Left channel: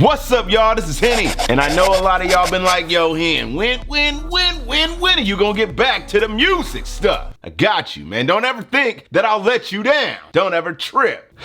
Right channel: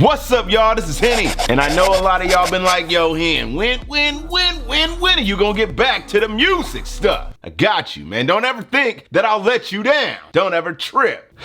What's up, y'all? This is Henny, and I know a lot of y'all been like, yo, Hen, when are you gonna get back to the music stuff? I got you, man. Don't ever think that I'll let you down. Don't ever trip.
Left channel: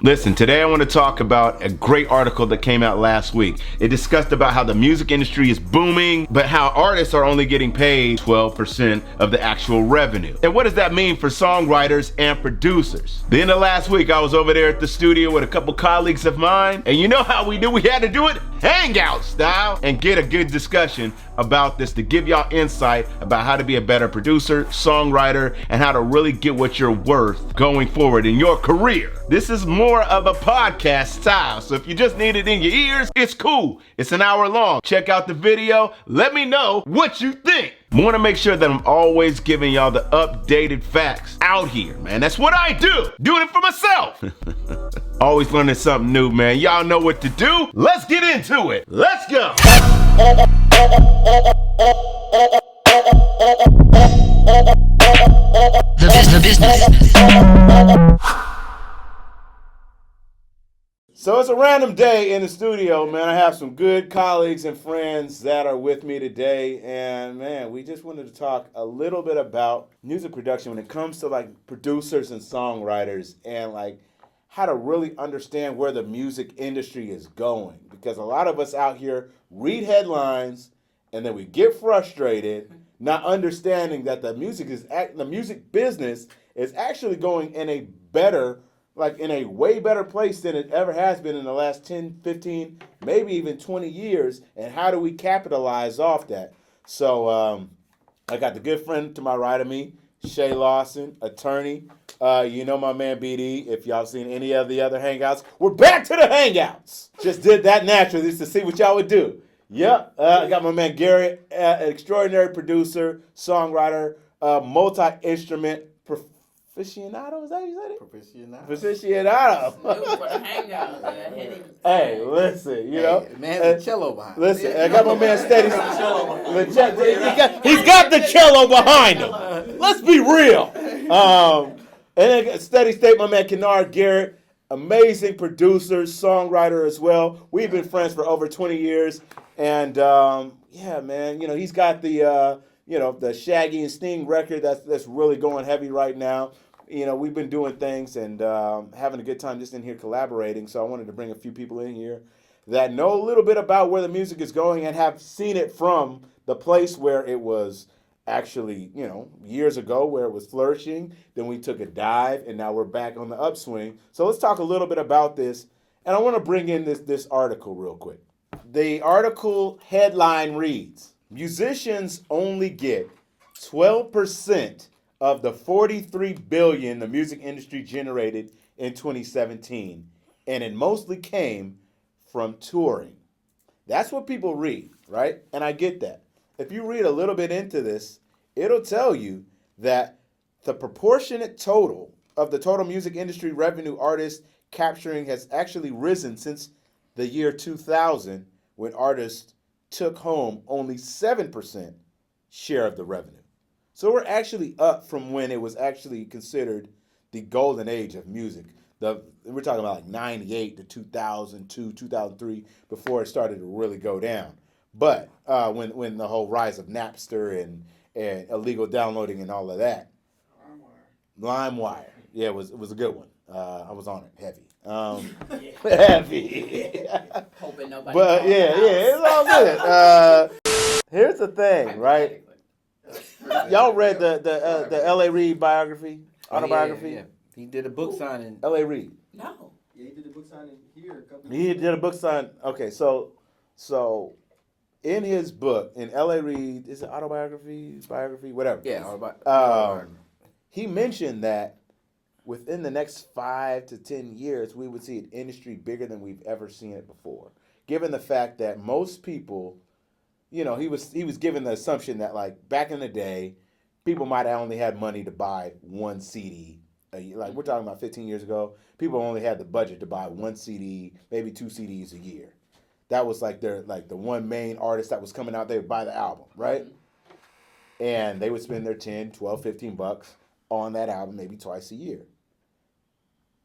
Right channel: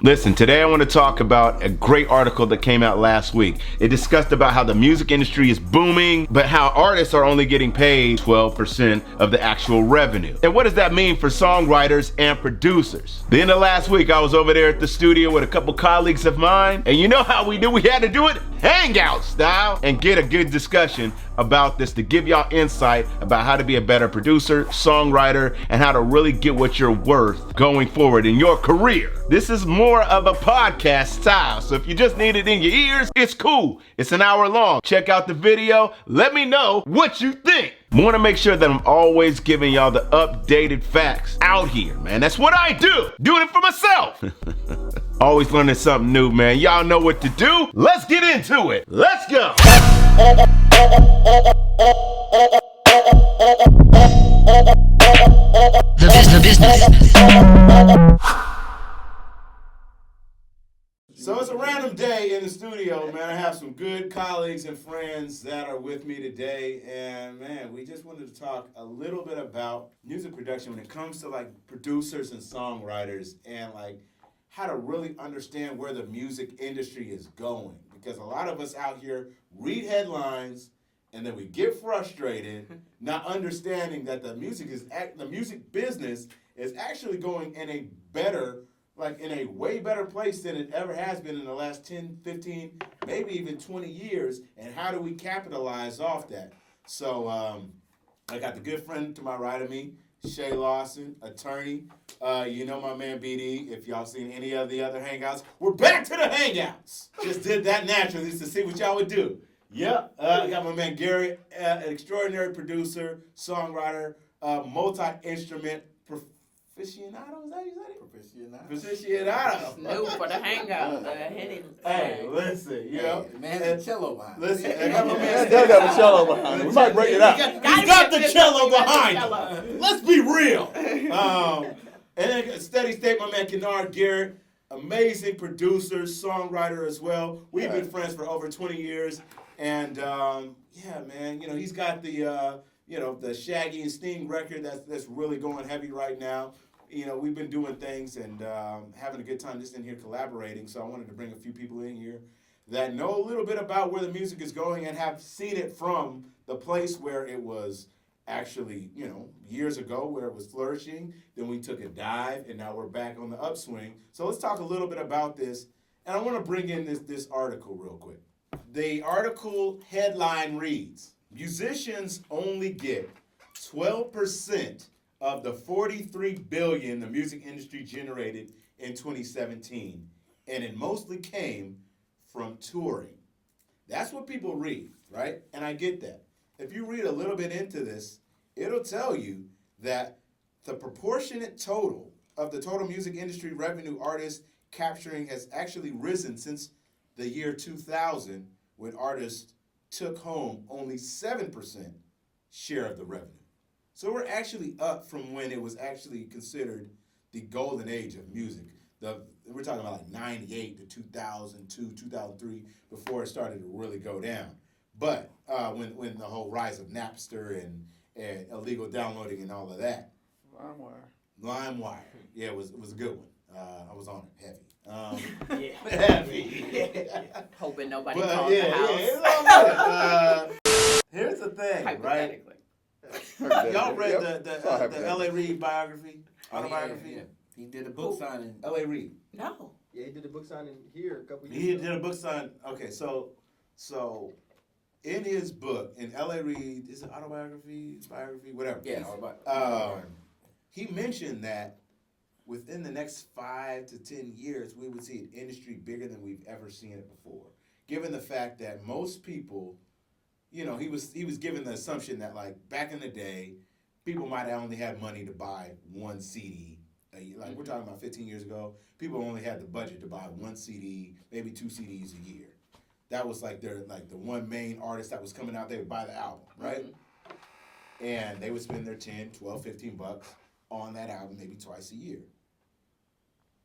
Listen, today I want to talk about a great article that came out last week. It discussed about how the music industry is booming, but how artists are only getting paid 12% of the actual revenue. And what does that mean for songwriters and producers? The end of last week, I was over there at the studio with a couple colleagues of mine, and you know how we do? We had to do it hangout style and get a good discussion about this to give y'all insight about how to be a better producer, songwriter, and how to really get what you're worth going forward in your career. This is more of a podcast style, so if you just need it in your ears, it's cool. It's an hour long. Check out the video. Let me know what you think. I want to make sure that I'm always giving y'all the updated facts out here, man. That's what I do. Doing it for myself. Always learning something new, man. Y'all know what to do. Let's get into it. Let's go. The business. So it's a random day in the studio, man. I have some good colleagues and friends that are with me today. And, man, we just wanted to talk a little bit about music production when it comes to, like, producers and songwriters and, like, how to really understand where the music industry is going. Because a lot of us out here read headlines and then we get frustrated, not understanding that the music business is actually going in a better, like in a way better place than it ever has been in the last 10, 15, maybe even 20 years. And how do we capitalize off that? So I got the good friend to my right of me, Shay Lawson, attorney. You know my man BD. If y'all seen any of the other hangouts, we're back to the hangouts. Just did that naturally just to see what y'all would do. Yep. I got my man Garrett, an extraordinary producer, songwriter, multi-instrument aficionado. Is that how you said it? Aficionado. New for the hangout. Hey, listen, you know. Man, the cello behind. Listen, I got my man Steady got the cello behind him. He's got the cello behind him. Let's be real. And then Steady State, my man Kennard Garrett, amazing producer, songwriter as well. We've been friends for over 20 years. And, yeah, man, you know, he's got the, the Shaggy and Sting record that's really going heavy right now. You know, we've been doing things and having a good time just in here collaborating. So I wanted to bring a few people in here that know a little bit about where the music is going and have seen it from the place where it was actually, years ago where it was flourishing. Then we took a dive and now we're back on the upswing. So let's talk a little bit about this. And I want to bring in this article real quick. The article headline reads, musicians only get 12% of the $43 billion the music industry generated in 2017, and it mostly came from touring. That's what people read, right? And I get that. If you read a little bit into this, it'll tell you that the proportionate total of the total music industry revenue artists capturing has actually risen since the year 2000, when artists took home only 7% share of the revenue. So we're actually up from when it was actually considered the golden age of music. We're talking about like 98 to 2002, 2003, before it started to really go down. But when the whole rise of Napster and illegal downloading and all of that. LimeWire. Yeah, it was a good one. I was on it heavy. Heavy. Hoping nobody But calls yeah, the house. it's all good. Here's the thing, right? Y'all read the L.A. Reid biography, autobiography? Yeah. He did a book signing. L.A. Reid. No. Yeah, he did a book signing here a couple He years did a book sign. Okay, so in his book, in L.A. Reid, is it autobiography, biography, whatever? Yeah, autobiography. He mentioned that within the next 5 to 10 years, we would see an industry bigger than we've ever seen it before. Given the fact that most people, he was given the assumption that, like, back in the day, people might have only had money to buy one CD. Like, we're talking about 15 years ago, people only had the budget to buy one CD, maybe 2 CDs a year. That was like the one main artist that was coming out, they would buy the album, right? Mm-hmm. And they would spend their 10, 12, $15 on that album maybe twice a year.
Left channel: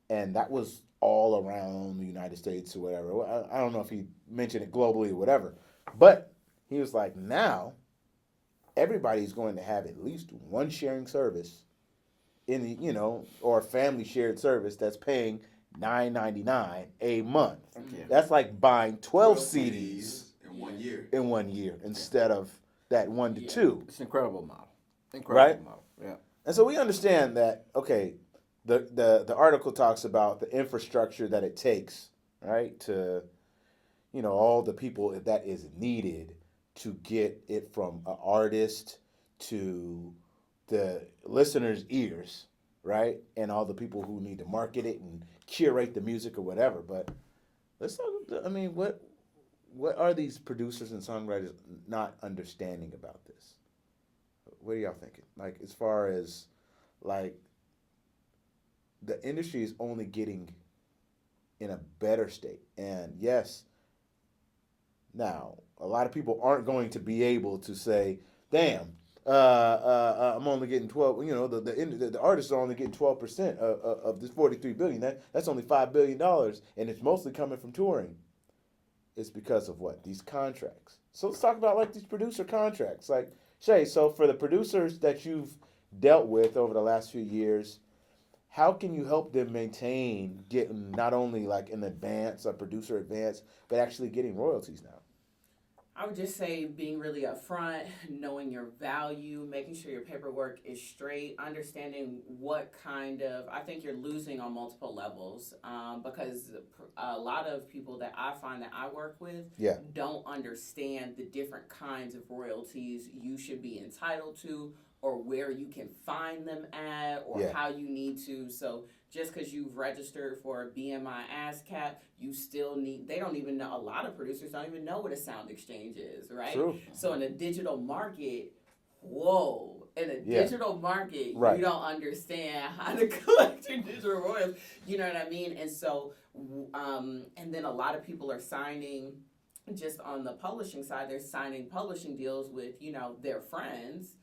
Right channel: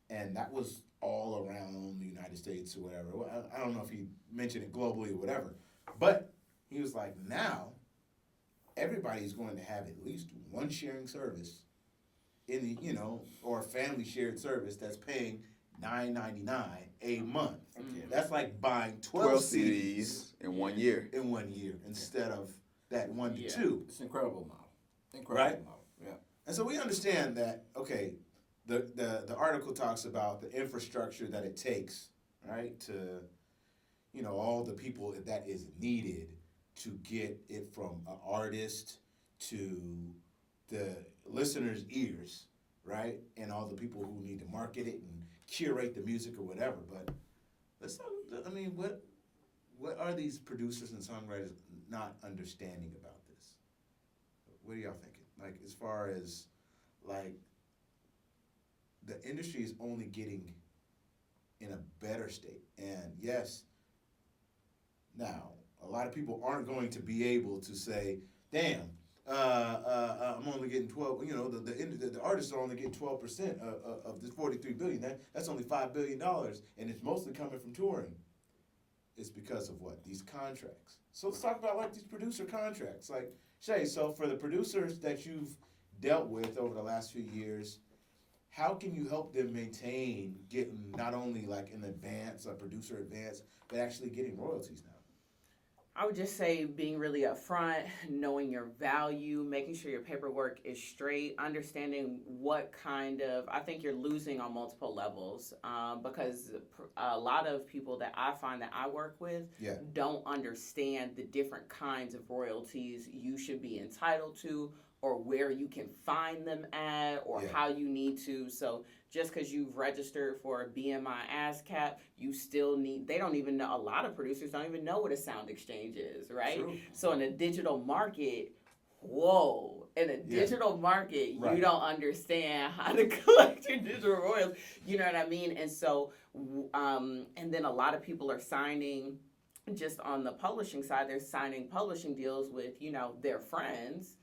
And that was all around the United States or whatever. Well, I don't know if he mentioned it globally or whatever, but he was like, now everybody's going to have at least one sharing service in the, or family shared service that's paying $9.99 a month. Okay. That's like buying 12 CDs CDs in 1 year. in 1 year instead of that 1 to Yeah. 2. It's an incredible model. Right? Model. Yeah. And so we understand that, okay, the article talks about the infrastructure that it takes, right, to, all the people that is needed to get it from an artist to the listener's ears, right, and all the people who need to market it and curate the music or whatever. But let's talk. I mean, what are these producers and songwriters not understanding about this? What are y'all thinking? Like, as far as like the industry is only getting in a better state, and yes, now a lot of people aren't going to be able to say, "Damn, I'm only getting 12." The artists are only getting 12% of this $43 billion. That's only $5 billion, and it's mostly coming from touring. It's because of what? These contracts. So let's talk about like these producer contracts. Like Shay, so for the producers that you've dealt with over the last few years, how can you help them maintain getting not only like an advance, a producer advance, but actually getting royalties now? I would just say being really upfront, knowing your value, making sure your paperwork is straight, understanding what kind of, I think you're losing on multiple levels because a lot of people that I find that I work with don't understand the different kinds of royalties you should be entitled to, or where you can find them at, or how you need to. So just because you've registered for a BMI ASCAP, you still need, they don't even know, a lot of producers don't even know what a sound exchange is, right? True. So in a digital market, digital market, right, you don't understand how to collect your digital royalties, you know what I mean? And so, and then a lot of people are signing, just on the publishing side, they're signing publishing deals with, their friends,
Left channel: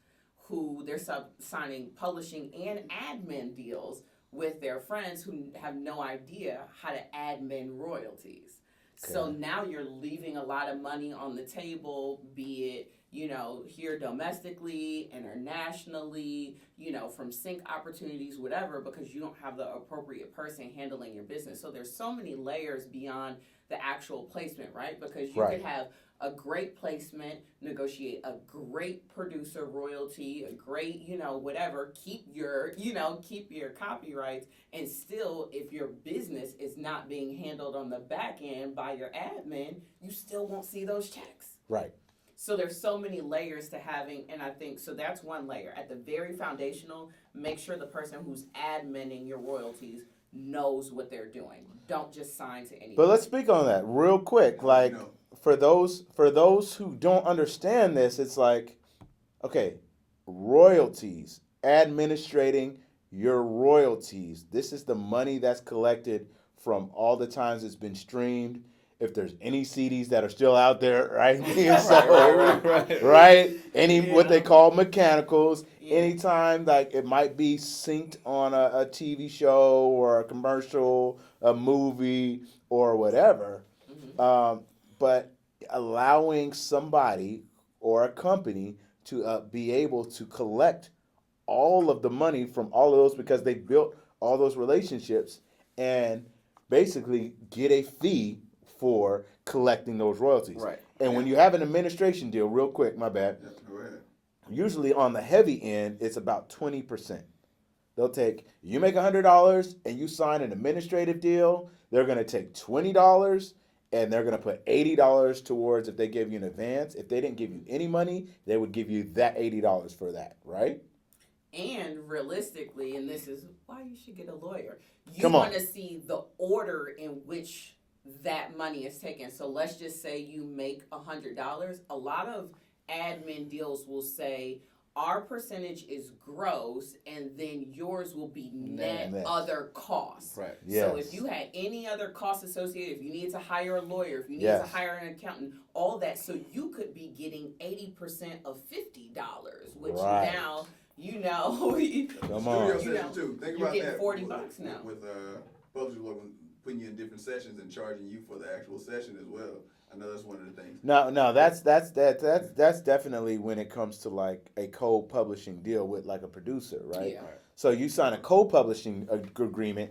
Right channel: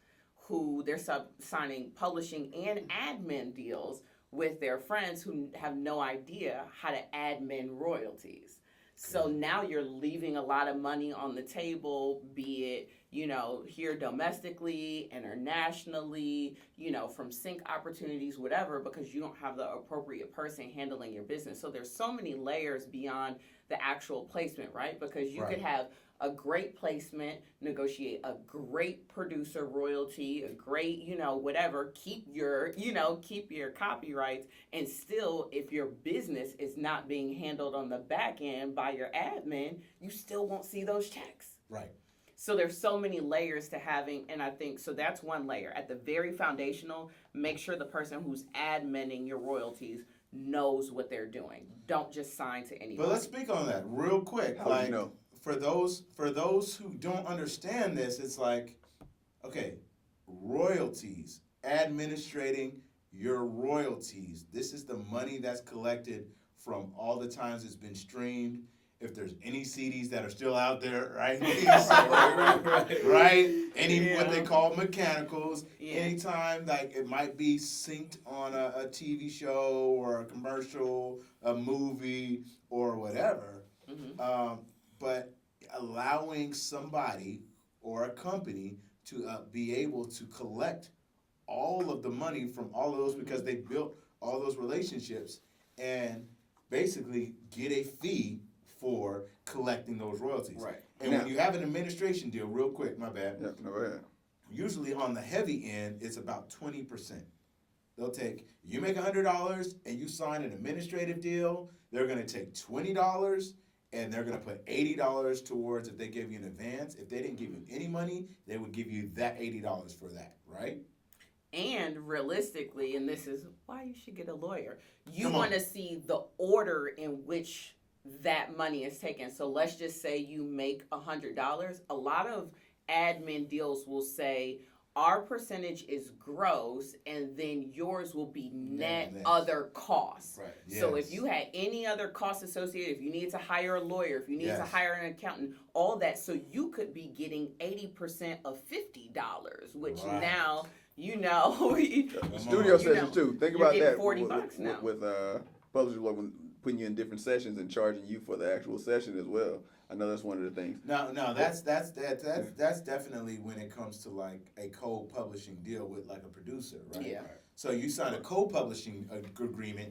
who they're signing publishing and admin deals with their friends who have no idea how to admin royalties. Okay. So now you're leaving a lot of money on the table, be it, here domestically, internationally, from sync opportunities, whatever, because you don't have the appropriate person handling your business. So there's so many layers beyond the actual placement, right? Because you could have a great placement, negotiate a great producer royalty, a great, whatever, keep your copyrights, and still, if your business is not being handled on the back end by your admin, you still won't see those checks. Right. So there's so many layers to having, and I think, so that's one layer. At the very foundational, make sure the person who's adminning your royalties knows what they're doing. Don't just sign to anybody. But let's speak on that real quick. Like, for those who don't understand this, it's like, okay, royalties, administrating your royalties. This is the money that's collected from all the times it's been streamed. If there's any CDs that are still out there, right? Right? Any what they call mechanicals. Yeah. Anytime like it might be synced on a TV show or a commercial, a movie or whatever. Mm-hmm. But allowing somebody or a company to be able to collect all of the money from all of those because they built all those relationships and basically get a fee for collecting those royalties. Right. And when you have an administration deal, real quick, my bad. Yeah, go ahead. Usually on the heavy end, it's about 20%. They'll take, you make $100 and you sign an administrative deal, they're going to take $20 and they're going to put $80 towards if they give you an advance. If they didn't give you any money, they would give you that $80 for that, right? And realistically, and this is why you should get a lawyer, you want to see the order in which that money is taken. So let's just say you make $100. A lot of admin deals will say our percentage is gross and then yours will be net other costs. Right. Yes. So if you had any other costs associated, if you needed to hire a lawyer, if you needed to hire an accountant, all that, so you could be getting 80% of $50, which now, studio sessions too. Think about you're getting that. $40 now. With publishers, when putting you in different sessions and charging you for the actual session as well. I know that's one of the things. No, that's definitely when it comes to like a co-publishing deal with like a producer, right? Yeah. So you sign a co-publishing agreement,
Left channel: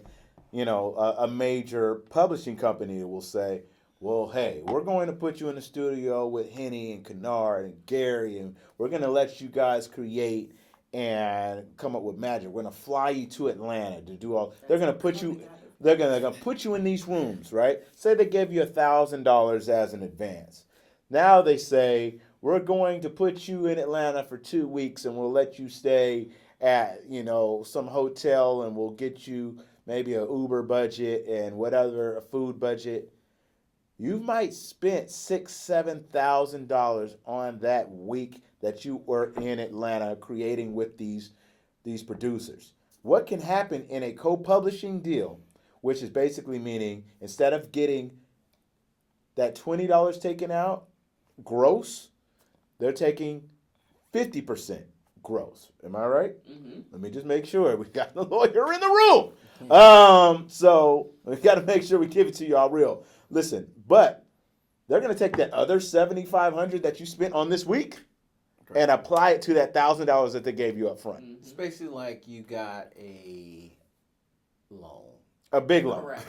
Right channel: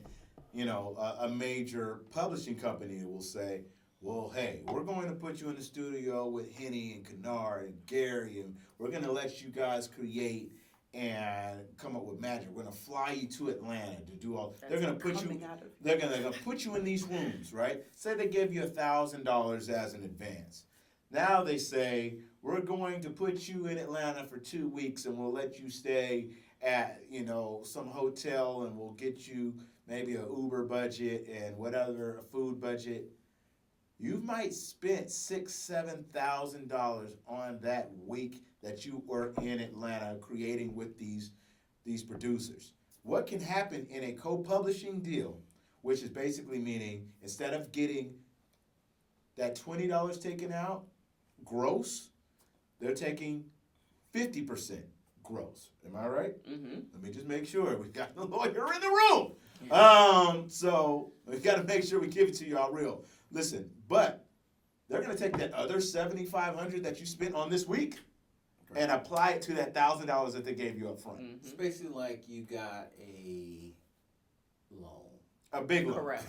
you know, a major publishing company will say, well, hey, we're going to put you in the studio with Henny and Kennard and Gary, and we're going to let you guys create and come up with magic. We're going to fly you to Atlanta to do all. They're going to put you. They're gonna put you in these rooms, right? Say they gave you $1,000 as an advance. Now they say we're going to put you in Atlanta for 2 weeks, and we'll let you stay at, you know, some hotel, and we'll get you maybe an Uber budget and whatever, a food budget. You might spend $6,000-$7,000 on that week that you were in Atlanta creating with these producers. What can happen in a co-publishing deal, which is basically meaning instead of getting that $20 taken out gross, they're taking 50% gross. Am I right? Mm-hmm. Let me just make sure we got the lawyer in the room. So we got to make sure we give it to y'all real. Listen, but they're gonna take that other $7,500 that you spent on this week and apply it to that $1,000 that they gave you up front. It's basically like you got a loan. A big loan. Correct.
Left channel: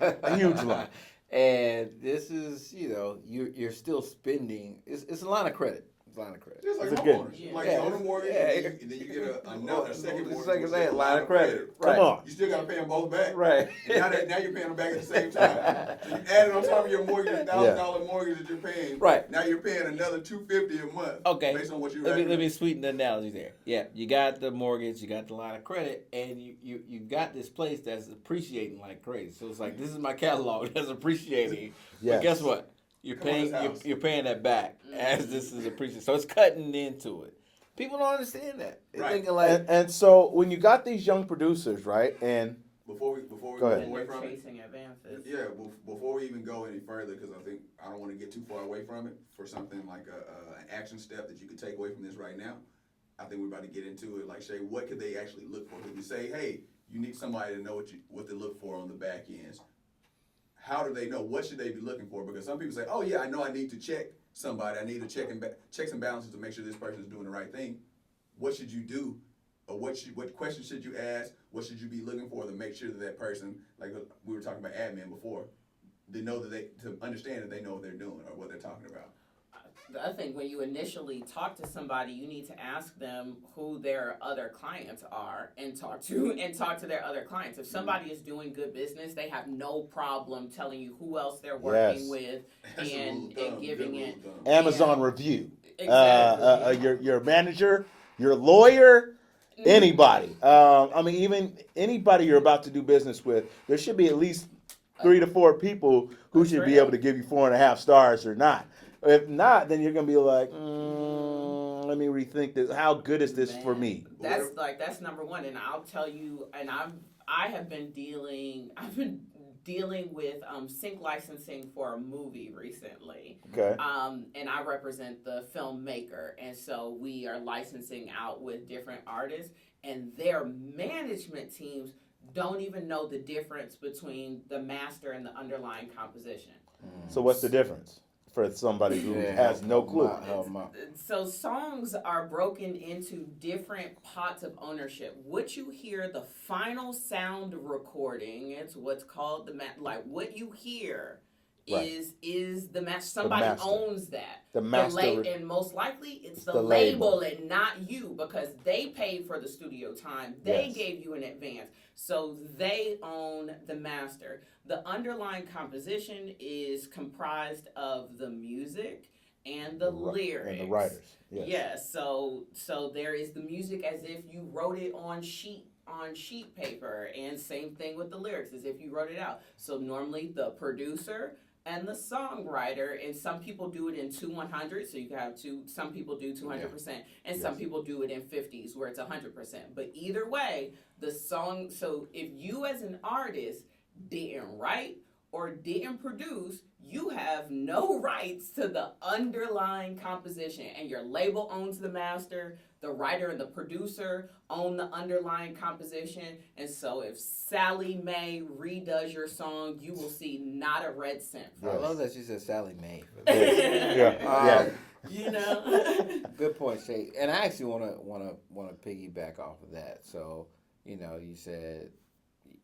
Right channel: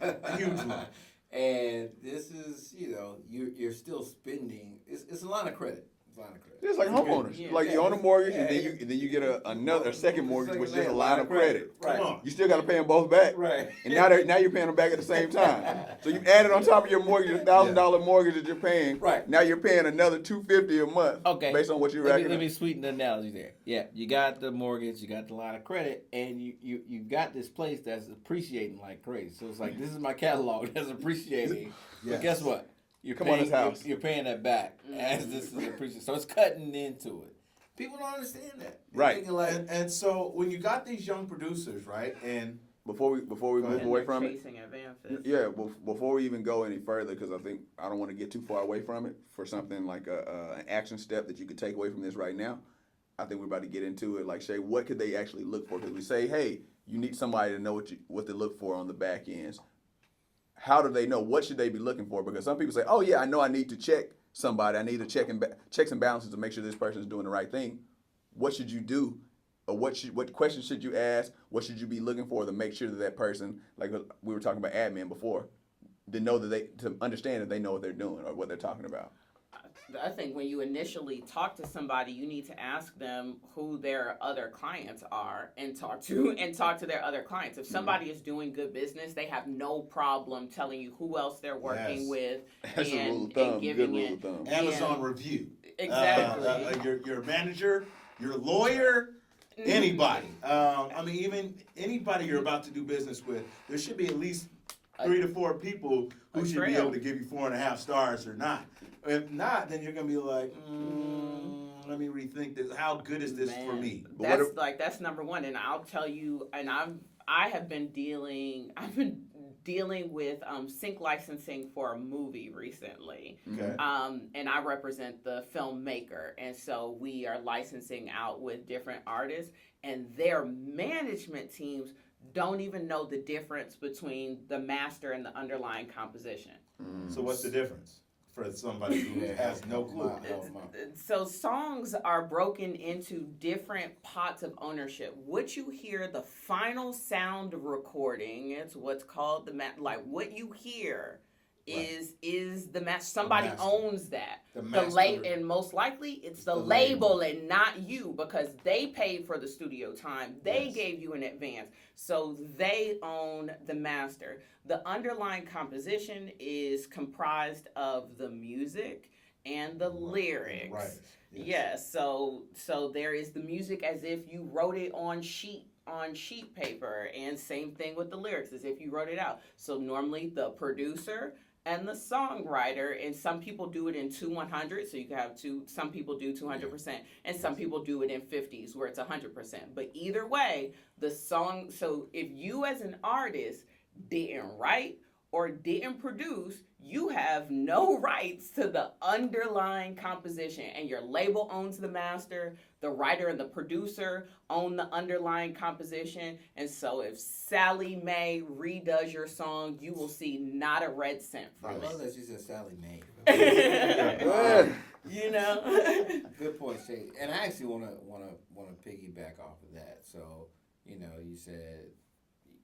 A huge loan. And this is, you know, you're still spending. It's a line of credit. It's a line of credit. It's like It's homeowners. Yeah. Like Yeah, you own a mortgage, yeah, and then you get a second mortgage, which is a line line of credit. Right. Come on. You still got to pay them both back. Right. And now you're paying them back at the same time. So you add it on top of your mortgage, your $1,000 mortgage that you're paying. Right. Now you're paying another $250 a month. Okay. Based on what you're Let me sweeten the analogy there. Yeah, you got the mortgage, you got the line of credit, and you got this place that's appreciating like crazy. So it's like, this is my catalog that's appreciating. Yes. But guess what? You're Come on, paying this house. you're paying that back as this is appreciated. So it's cutting into it. People don't understand that. They're Right. thinking like, And so when you got these young producers, right, and Before we Go move ahead. And away they're from it. chasing advances. Yeah, before we even go any further, because I don't want to get too far away from it, for something like an action step that you could take away from this right now, I think we're about to get into it. Like, Shay, what could they actually look for? Because we say, hey, you need somebody to know what to look for on the back ends. How do they know? What should they be looking for? Because some people say, oh, yeah, I know I need to check somebody. I need to checks and balances to make sure this person is doing the right thing. What should you do? Or what questions should you ask? What should you be looking for to make sure that person, like we were talking about admin before, to understand that they know what they're doing or what they're talking about? I think when you initially talk to somebody, you need to ask them who their other clients are and talk to their other clients. If somebody is doing good business, they have no problem telling you who else they're working Yes. with That's a rule and of thumb, giving good rule it. of thumb. Amazon review. Exactly. Your manager, your lawyer, anybody. I mean, even anybody you're about to do business with, there should be at least 3 to 4 people who should be able to give you 4.5 stars or not. If not, then you're gonna be like, let me rethink this. How good is this for me? That's number one, and I'll tell you. And I have been dealing with sync licensing for a movie recently. Okay. And I represent the filmmaker, and so we are licensing out with different artists, and their management teams don't even know the difference between the master and the underlying composition. So what's the difference for somebody who has no clue? So songs are broken into different pots of ownership. What you hear, the final sound recording, it's what's called what you hear is the master. Somebody master. owns that. The master. And most likely it's the label. label and not you, because they paid for the studio time. They Yes. gave you an advance. So they own the master. The underlying composition is comprised of the music and the lyrics. And the writers. Yes. Yes. So there is the music as if you wrote it on sheet paper, and same thing with the lyrics as if you wrote it out. So normally the producer and the songwriter, and some people do it in 2/100, so you can have some people do 200%, and some people do it in 50s where it's 100%. But either way, the song, so if you as an artist didn't write or didn't produce, you have no rights to the underlying composition, and your label owns the master. The writer and the producer own the underlying composition, and so if Sally Mae redoes your song, you will see not a red cent I from love it. that she said Sally Mae. Yeah. You know. Good point, Shay. And I actually want to piggyback off of that. So, you said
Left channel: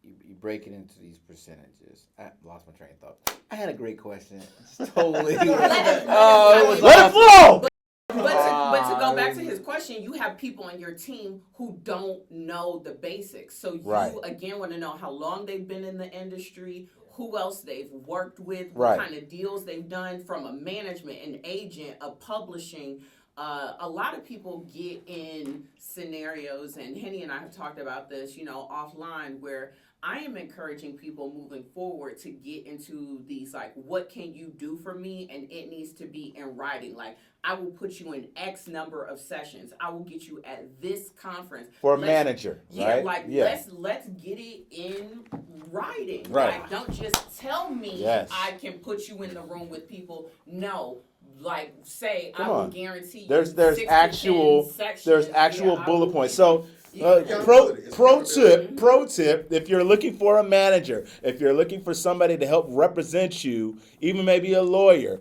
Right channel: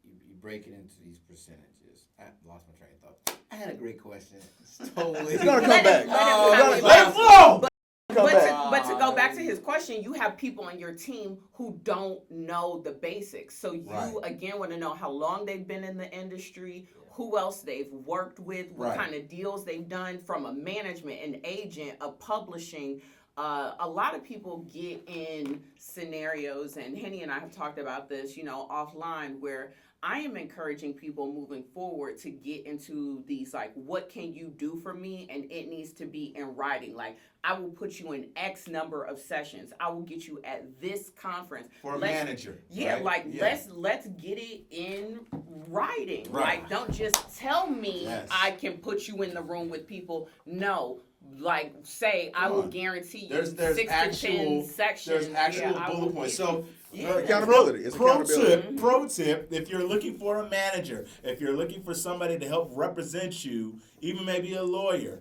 you break it into these percentages. I lost my train of thought. I had a great question. It's totally. Let it Let it flow. But to go back to his question, you have people on your team who don't know the basics. So you Right. again want to know how long they've been in the industry, who else they've worked with, what Right. kind of deals they've done from a management, an agent, a publishing. A lot of people get in scenarios, and Henny and I have talked about this, offline, where I am encouraging people moving forward to get into these, like, what can you do for me? And it needs to be in writing. Like, I will put you in X number of sessions. I will get you at this conference. For a Let's- manager. Yeah, right? like Yeah. let's get it in writing. Right. Like, don't just tell me Yes. I can put you in the room with people. No. Like, say I Come will on. guarantee you There's 6 to 10 actual sections. there's actual I bullet will points. give So you- pro Accountability. It's pro accountability. pro tip, if you're looking for a manager, if you're looking for somebody to help represent you, even maybe a lawyer,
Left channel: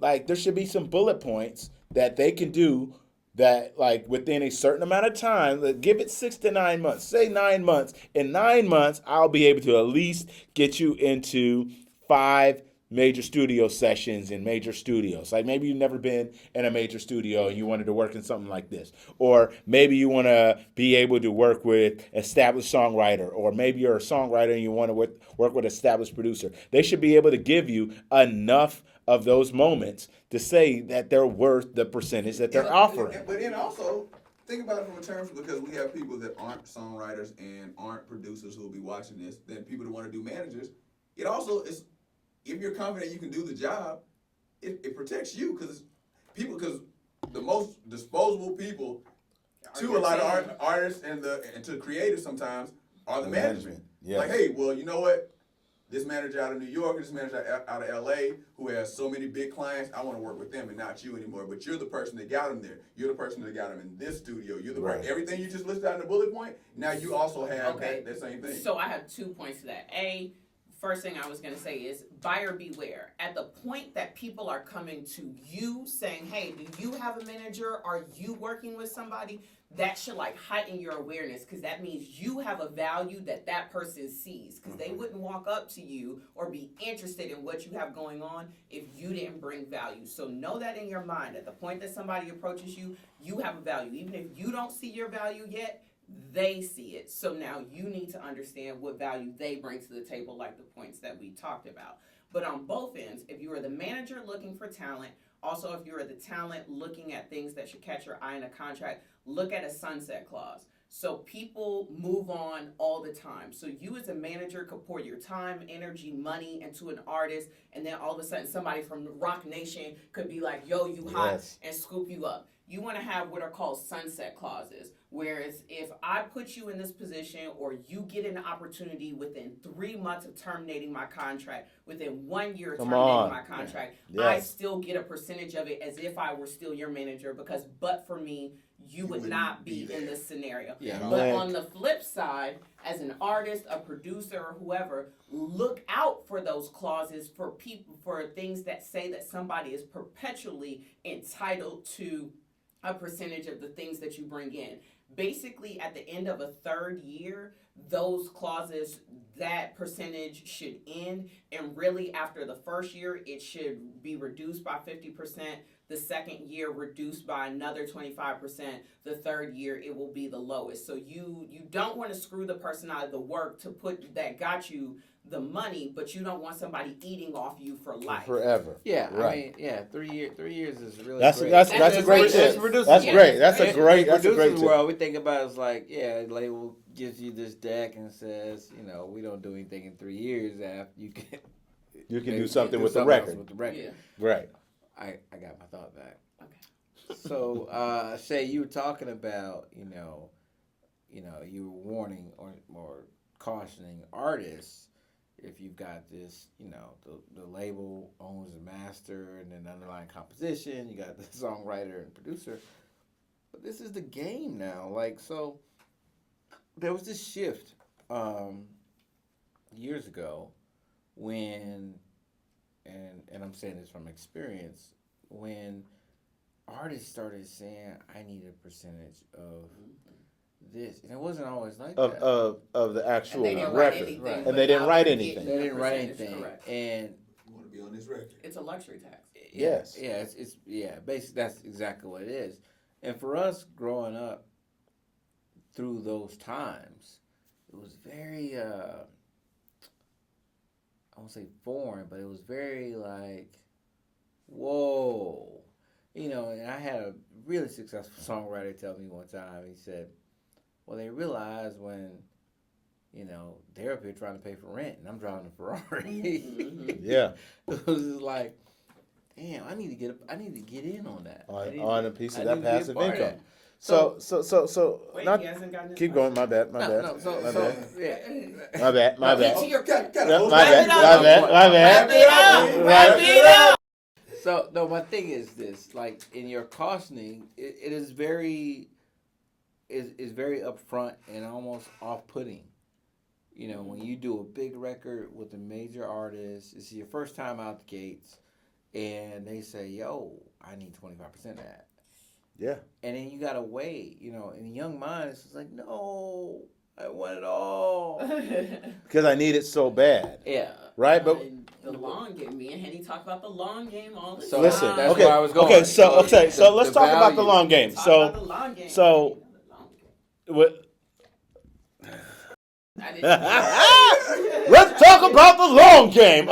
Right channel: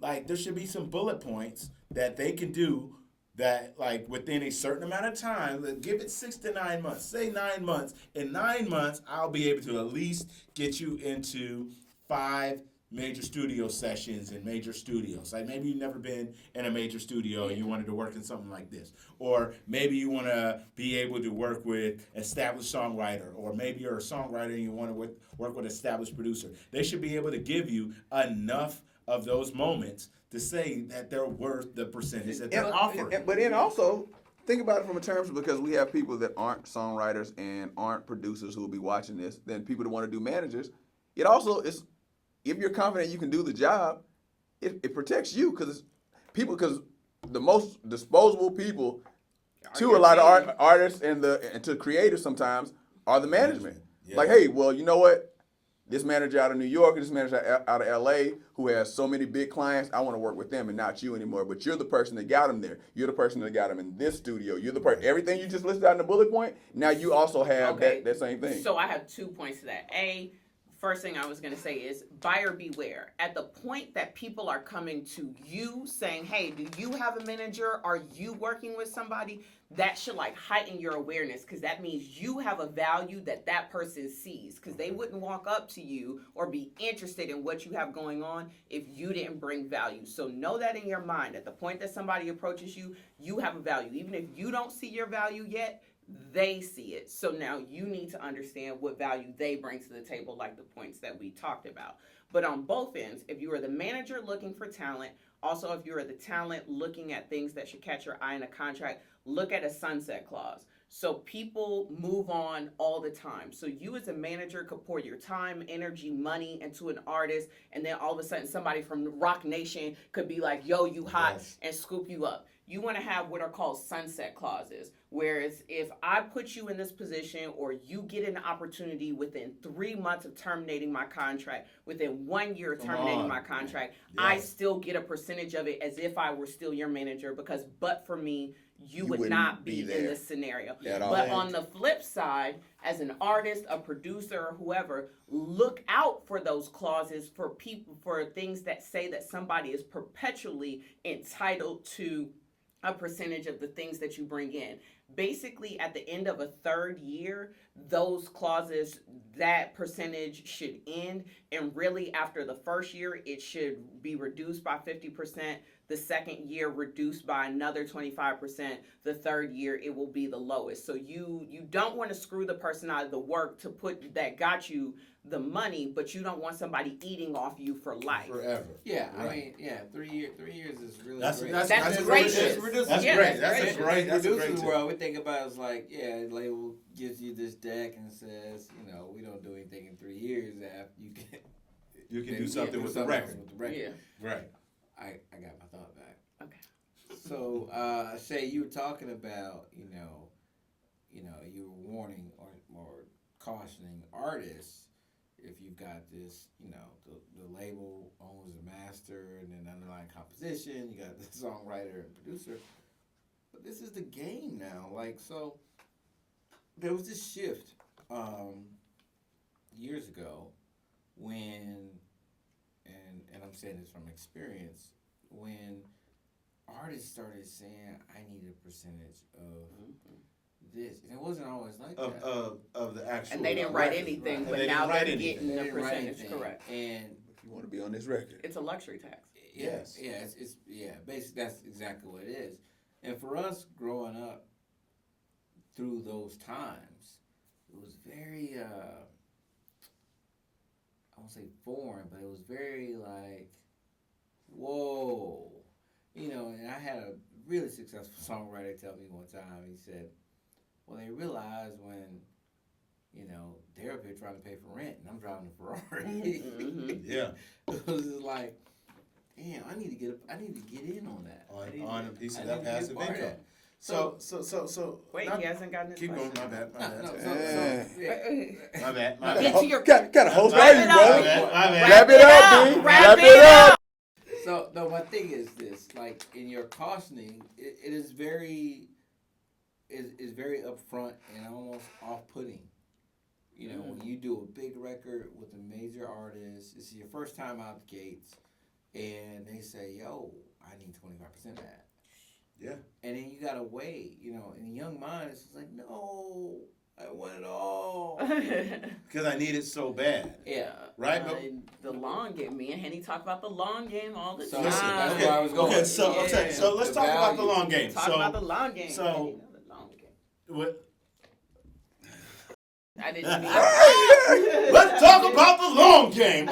like there should be some bullet points that they can do that, like, within a certain amount of time. Give it 6 to 9 months. Say 9 months. In 9 months, I'll be able to at least get you into 5 major studio sessions in major studios. Like maybe you've never been in a major studio and you wanted to work in something like this. Or maybe you want to be able to work with established songwriter, or maybe you're a songwriter and you want to work with established producer. They should be able to give you enough of those moments to say that they're worth the percentage that they're offering. But then also, think about it from a terms, because we have people that aren't songwriters and aren't producers who will be watching this, then people that want to do managers. It also is, if you're confident you can do the job, it protects you, because the most disposable people to a lot of artists and to creators sometimes are the management. Yeah. Like, hey, well, you know what? This manager out of New York, this manager out of LA, who has so many big clients, I want to work with them and not you anymore. But you're the person that got them there. You're the person that got them in this studio. You're the person. Right. Everything you just listed out in the bullet point. Now you also have Okay. that same thing. So I have 2 points to that. First thing I was going to say is buyer beware. At the point that people are coming to you saying, hey, do you have a manager? Are you working with somebody? That should like heighten your awareness, because that means you have a value that that person sees, because they wouldn't walk up to you or be interested in what you have going on if you didn't bring value. So know that in your mind. At the point that somebody approaches you, you have a value. Even if you don't see your value yet, they see it. So now you need to understand what value they bring to the table, like the points that we talked about. But on both ends, if you are the manager looking for talent, also if you are the talent looking at things that should catch your eye in a contract, look at a sunset clause. So people move on all the time. So you as a manager could pour your time, energy, money into an artist, and then all of a sudden somebody from Rock Nation could be like, yo, you hot, Yes. and scoop you up. You want to have what are called sunset clauses, whereas if I put you in this position, or you get an opportunity within 3 months of terminating my contract, within 1 year of Come terminating on. my contract, Yes. I still get a percentage of it as if I were still your manager, because but for me, you would wouldn't not be be in there. this scenario. Yeah, But Yeah. on the flip side, as an artist, a producer, or whoever, look out for those clauses for people, for things that say that somebody is perpetually entitled to a percentage of the things that you bring in. Basically, at the end of a 3rd year, those clauses, that percentage should end. And really, after the 1st year, it should be reduced by 50%. The 2nd year, reduced by another 25%. The 3rd year, it will be the lowest. So you don't want to screw the person out of the work to put that got you the money, but you don't want somebody eating off you for life. Forever. Yeah, Right. I mean, yeah, 3 years. 3 years is really That's great. that's That's a great. great That's tip. reduces- That's yeah, great. that's That's a great. great. That's a Producers great tip. world, we think about it as like, yeah, the label gives you this deck and says, we don't do anything in 3 years after you can. You can maybe do something do with the something else record. with the record. Yeah. Right. I got my thought back. Okay. So, Shay, you were talking about, you were warning or cautioning artists, if you've got this, the label owns the master and then underlying composition, you got the songwriter and producer. But this is the game now. Like, so there was this shift years ago when, and I'm saying this from experience, when artists started saying, I need a percentage of this. And it wasn't always like that. Of the actual And they didn't record. write anything. And But they didn't now write they're anything. getting They the didn't write percentage, anything. correct. And You want to be on this record. It's a luxury tax. Yes. Yeah, it's basically that's exactly what it is. And for us growing up through those times, it was very I won't say foreign, but it was very like, whoa. And I had a really successful songwriter tell me one time, he said, well, they realize when, they're up here trying to pay for rent and I'm driving a Ferrari. Yeah. It was just like, damn, I need to get in on that. On a piece of I that need to be a passive part of income. that. So. Wait, not- he hasn't gotten his keep going. question. My bad. No, yeah. My bad. My Get bad. to your Got a whole My bad. Wrap it up. My bad. Wrap it up. Wrap it up. So no, my thing is this: like in your costing, it is very upfront and almost off-putting. When you do a big record with a major artist, it's your first time out the gates, and they say, "Yo, I need 25% of that." Yeah. And then you gotta wait. In the young mind, it's just like, no, I want it all. Because I need it so bad. Yeah. Right? But the long game. Me and Henny talk about the long game all the So time. listen. that's Okay. where I was going. Okay. So Yeah. let's The talk about the value. long game. Talk So about the long game. so- The long game. what? I didn't. Let's talk about the long game.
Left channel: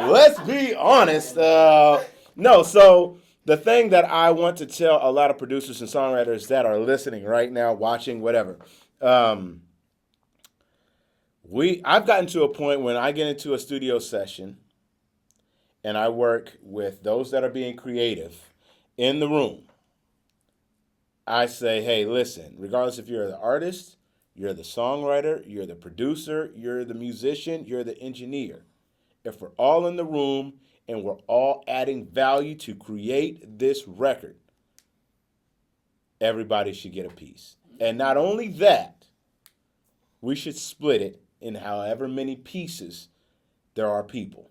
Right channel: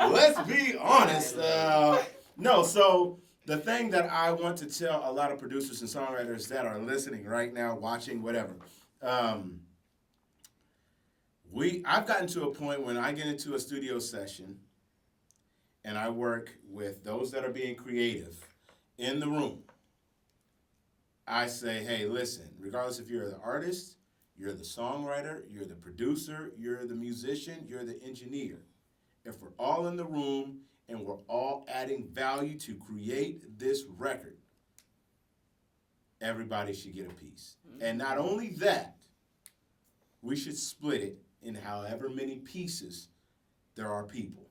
Let's be honest. No, so the thing that I want to tell a lot of producers and songwriters that are listening right now, watching, whatever. I've gotten to a point when I get into a studio session and I work with those that are being creative in the room. I say, hey, listen, regardless if you're the artist, you're the songwriter, you're the producer, you're the musician, you're the engineer. If we're all in the room and we're all adding value to create this record, everybody should get a piece. And not only that, we should split it in however many pieces there are people.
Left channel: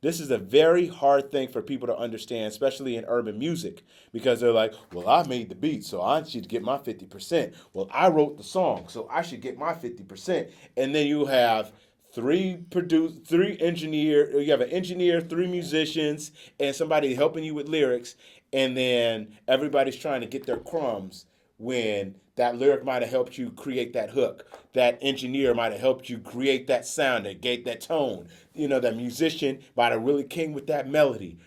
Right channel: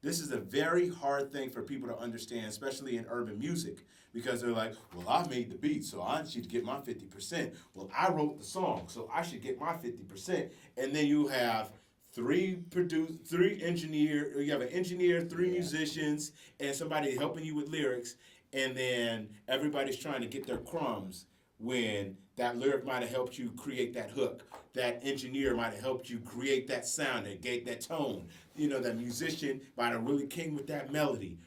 This is a very hard thing for people to understand, especially in urban music, because they're like, well, I made the beat, so I should get my 50%. Well, I wrote the song, so I should get my 50%. And then you have you have an engineer, 3 musicians, and somebody helping you with lyrics, and then everybody's trying to get their crumbs when that lyric might have helped you create that hook. That engineer might have helped you create that sound, that gave that tone. That musician might have really came with that melody.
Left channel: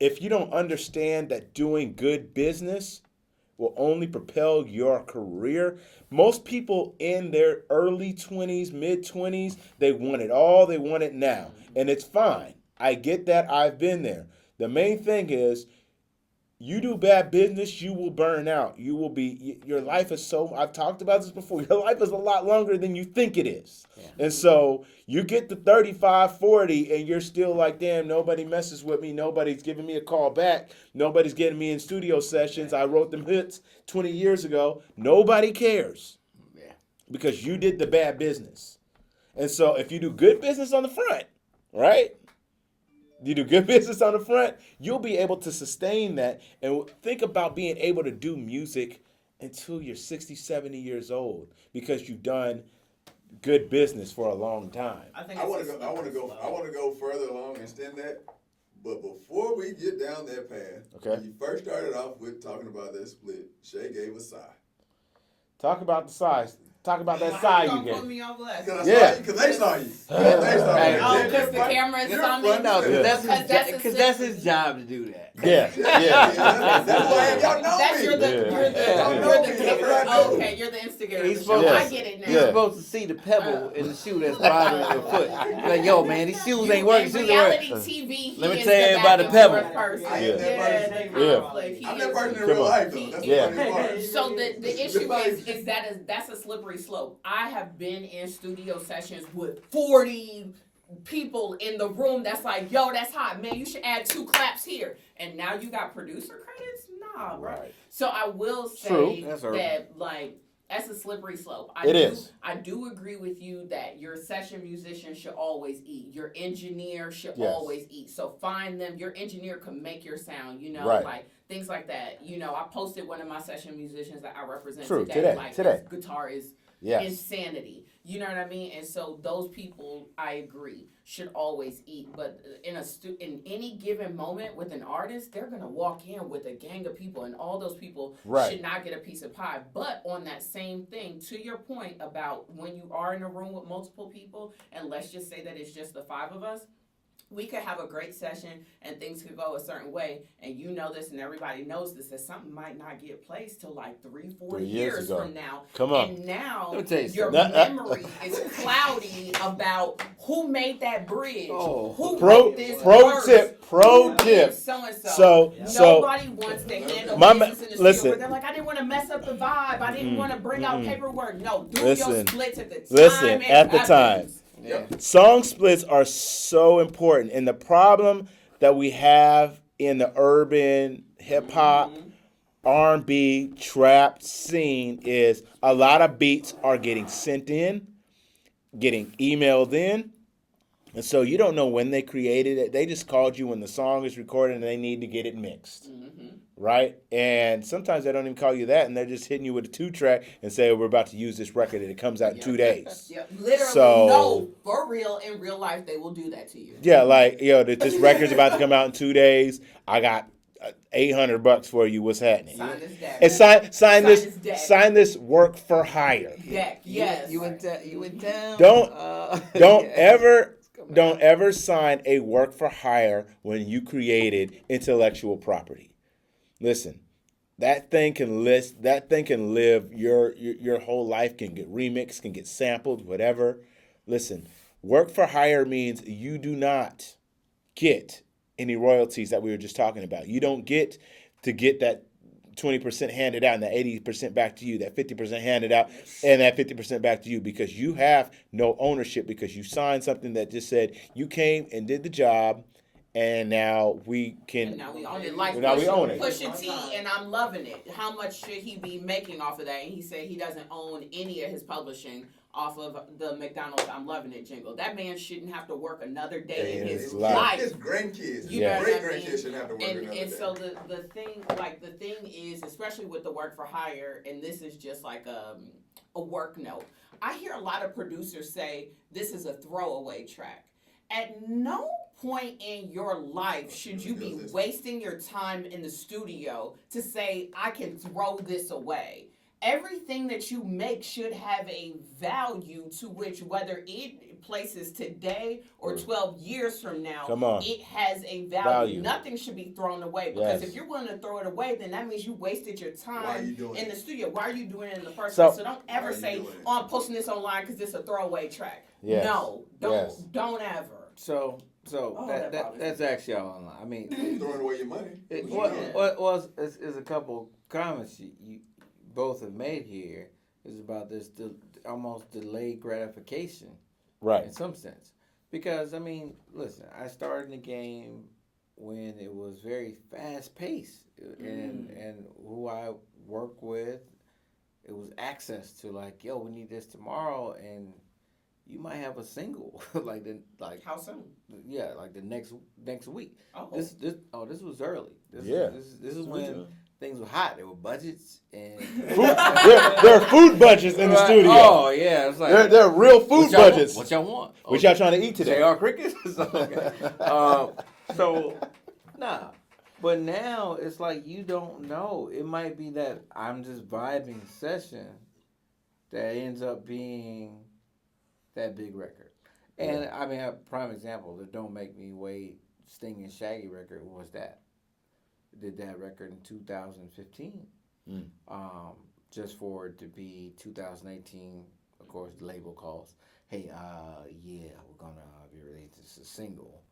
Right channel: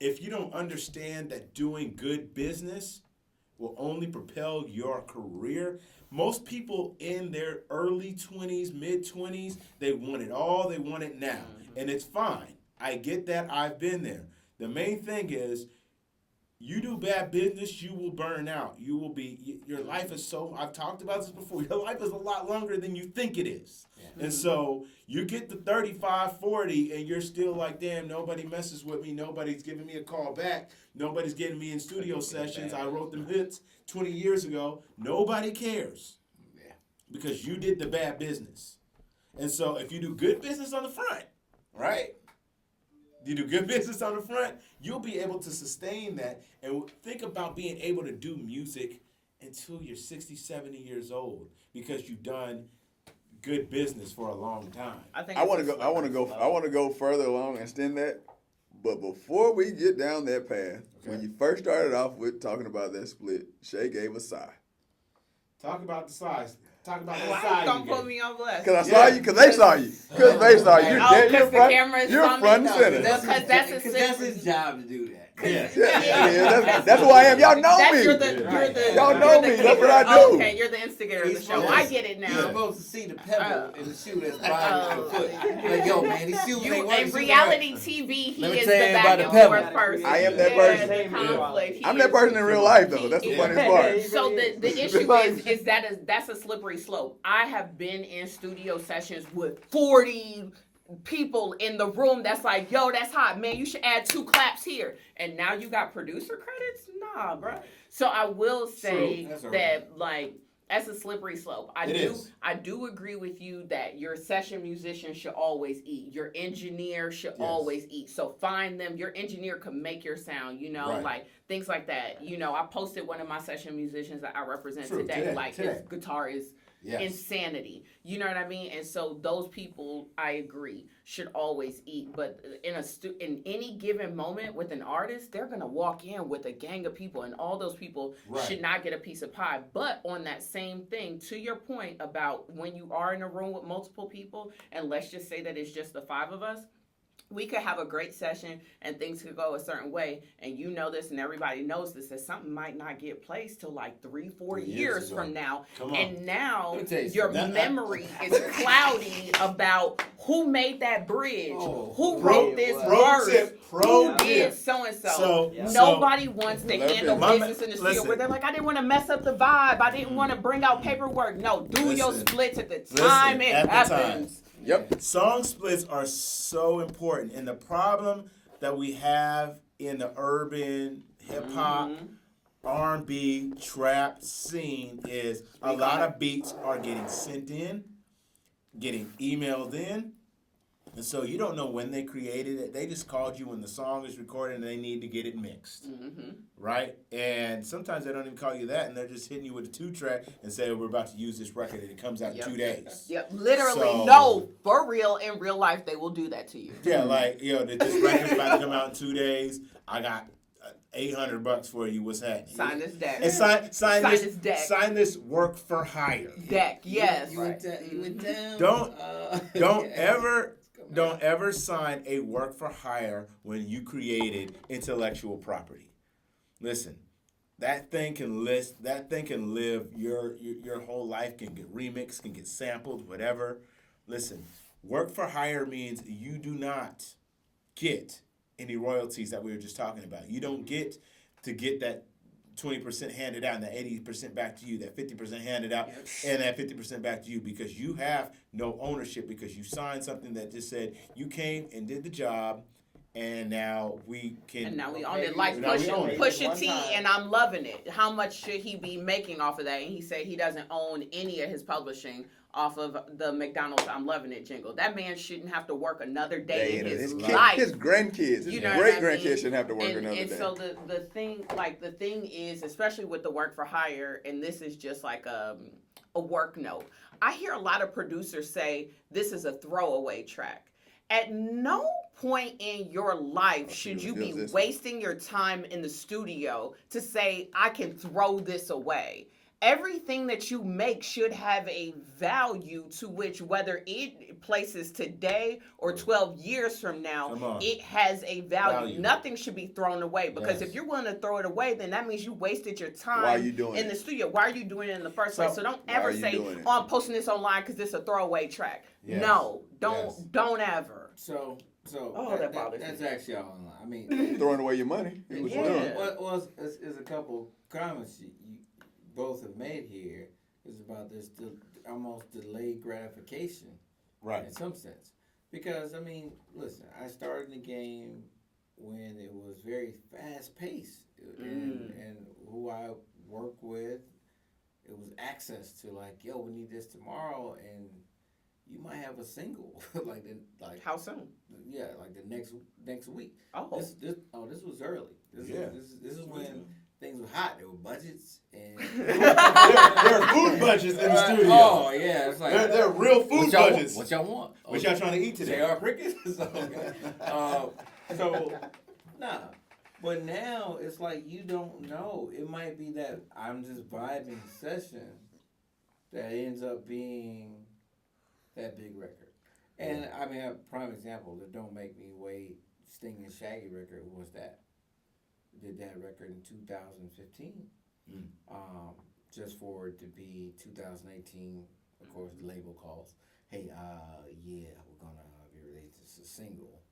If you don't understand that doing good business will only propel your career, most people in their early 20s, mid-20s, they want it all, they want it now. And it's fine. I get that. I've been there. The main thing is, you do bad business, you will burn out. Your life is I've talked about this before, your life is a lot longer than you think it is. Yeah. And so you get to 35, 40, and you're still like, damn, nobody messes with me. Nobody's giving me a call back. Nobody's getting me in studio sessions. I wrote them hits 20 years ago. Nobody cares. Yeah. Because you did the bad business. And so if you do good business on the front, right? You do good business on the front, you'll be able to sustain that. And think about being able to do music until you're 60, 70 years old because you've done good business for a long time. I want to go further along and extend that. But before we get down that path, when you first started off with talking about that split, Shay gave a sigh. Talk about the size. Talk about that Why side you you gonna put get. me on blast? Because they saw you. Because they saw you. Oh, because the camera You're saw me? front and No, center. that's his job to do that. Yeah. That's who I am. Y'all know That's me. you're the Y'all know you're me. the That's what kicker. I do. Okay, you're the instigator of the He's show. supposed- I get it now. You're supposed to see the pebble in the shoe that's riding your foot. Like, yo, man, these shoes You, ain't working. in reality TV, he Let me is tell you the about back the and pebble. forth person. I am that Yeah, person. the conflict. He I'm is- that person in real life, though. That's the Yeah. funniest part. So the issue is that's a slippery slope. I have been in studio sessions with 40 people in the room that's like, yo, that's hot, man. You should add 2 claps here. And now you got producer credits? Nah, bro. Right. So I will say That's that, like, that's a slippery slope. I do agree with you that your session musician should always eat. Your engineer should always eat. So find them. Your engineer can make your sound, like things like that. I posted one of my session musicians that I represent today. His guitar is insanity. You know what I mean? And so those people, I agree, should always eat. But in any given moment with an artist, they're gonna walk in with a gang of people, and all those people should not get a piece of pie. But on that same thing, to your point about when you are in a room with multiple people, and let's just say that it's just the 5 of us, we could have a great session and things could go a certain way, and you know this and everybody knows this, that something might not get placed till like 3-4 years from now. Come on. And now you your memory is cloudy about who made that bridge, who wrote this verse, Pro tip. so and so. Nobody wants to handle business in the studio where they're like, I didn't want to mess up the vibe, I didn't want to bring out paperwork. No, do your splits at the time it happens. Yep. Song splits are so important, and the problem that we have in the urban hip hop, R&B, trap scene is a lot of beats are getting sent in, getting emailed in, and so you don't know when they created it. They just called you when the song is recorded and they need to get it mixed, right? And sometimes they don't even call you that, and they're just hitting you with a 2-track and say, we're about to use this record and it comes out in 2 days. Yep, literally, no, for real, in real life, they will do that to you. Yeah, like, this record's about to come out in 2 days. I got $800 for you. What's happening? Sign this deck. And sign this deck. Sign this work for hire. Deck, yes. You in town? Don't ever sign a work for hire when you created intellectual property. Listen, that thing can live your whole life, can get remixed, can get sampled, whatever. Listen, work for hire means you do not get any royalties that we were just talking about. You don't get to get that 20% handed out and that 80% back to you, that 50% handed out and that 50% back to you, because you have no ownership, because you signed something that just said you came and did the job, and now we can. And now we own it. Like Pusha T, and I'm loving it. How much should he be making off of that? And he said he doesn't own any of his publishing off of the McDonald's I'm Loving It jingle. That man shouldn't have to work another day in his life. His grandkids, you know what I mean? Great grandkids shouldn't have to work another day. And so the thing is, especially with the work for hire, and this is just like a work note. I hear a lot of producers say this is a throwaway track. At no point in your life should you be wasting your time in the studio to say, I can throw this away. Everything that you make should have a value to which, whether it places today or 12 years from now, it has a value. Nothing should be thrown away, because if you're willing to throw it away, then that means you wasted your time in the studio. Why are you doing it in the first place? So don't ever say, I'm posting this online because it's a throwaway track. Yes. No, don't ever. So that's actually all online. I mean, throwing away your money. Well, is a couple comments you both have made here is about this almost delayed gratification, right? In some sense, because I mean, listen, I started in the game when it was very fast paced, and who I work with, it was access to like, yo, we need this tomorrow, and you might have a single like how soon? Yeah, like the next week. Oh, this was early. This is when things were hot. There were budgets and there are food budgets in the studio. Oh yeah, it's like there are real food budgets. What y'all want? What y'all trying to eat today? JR Crickets. But now it's like you don't know. It might be that I'm just vibing session that ends up being that big record. And I mean, a prime example, the Don't Make Me Wait Sting and Shaggy record was that. Did that record in 2015. Just for it to be 2018, of course, the label calls, hey, we're going to be releasing this a single.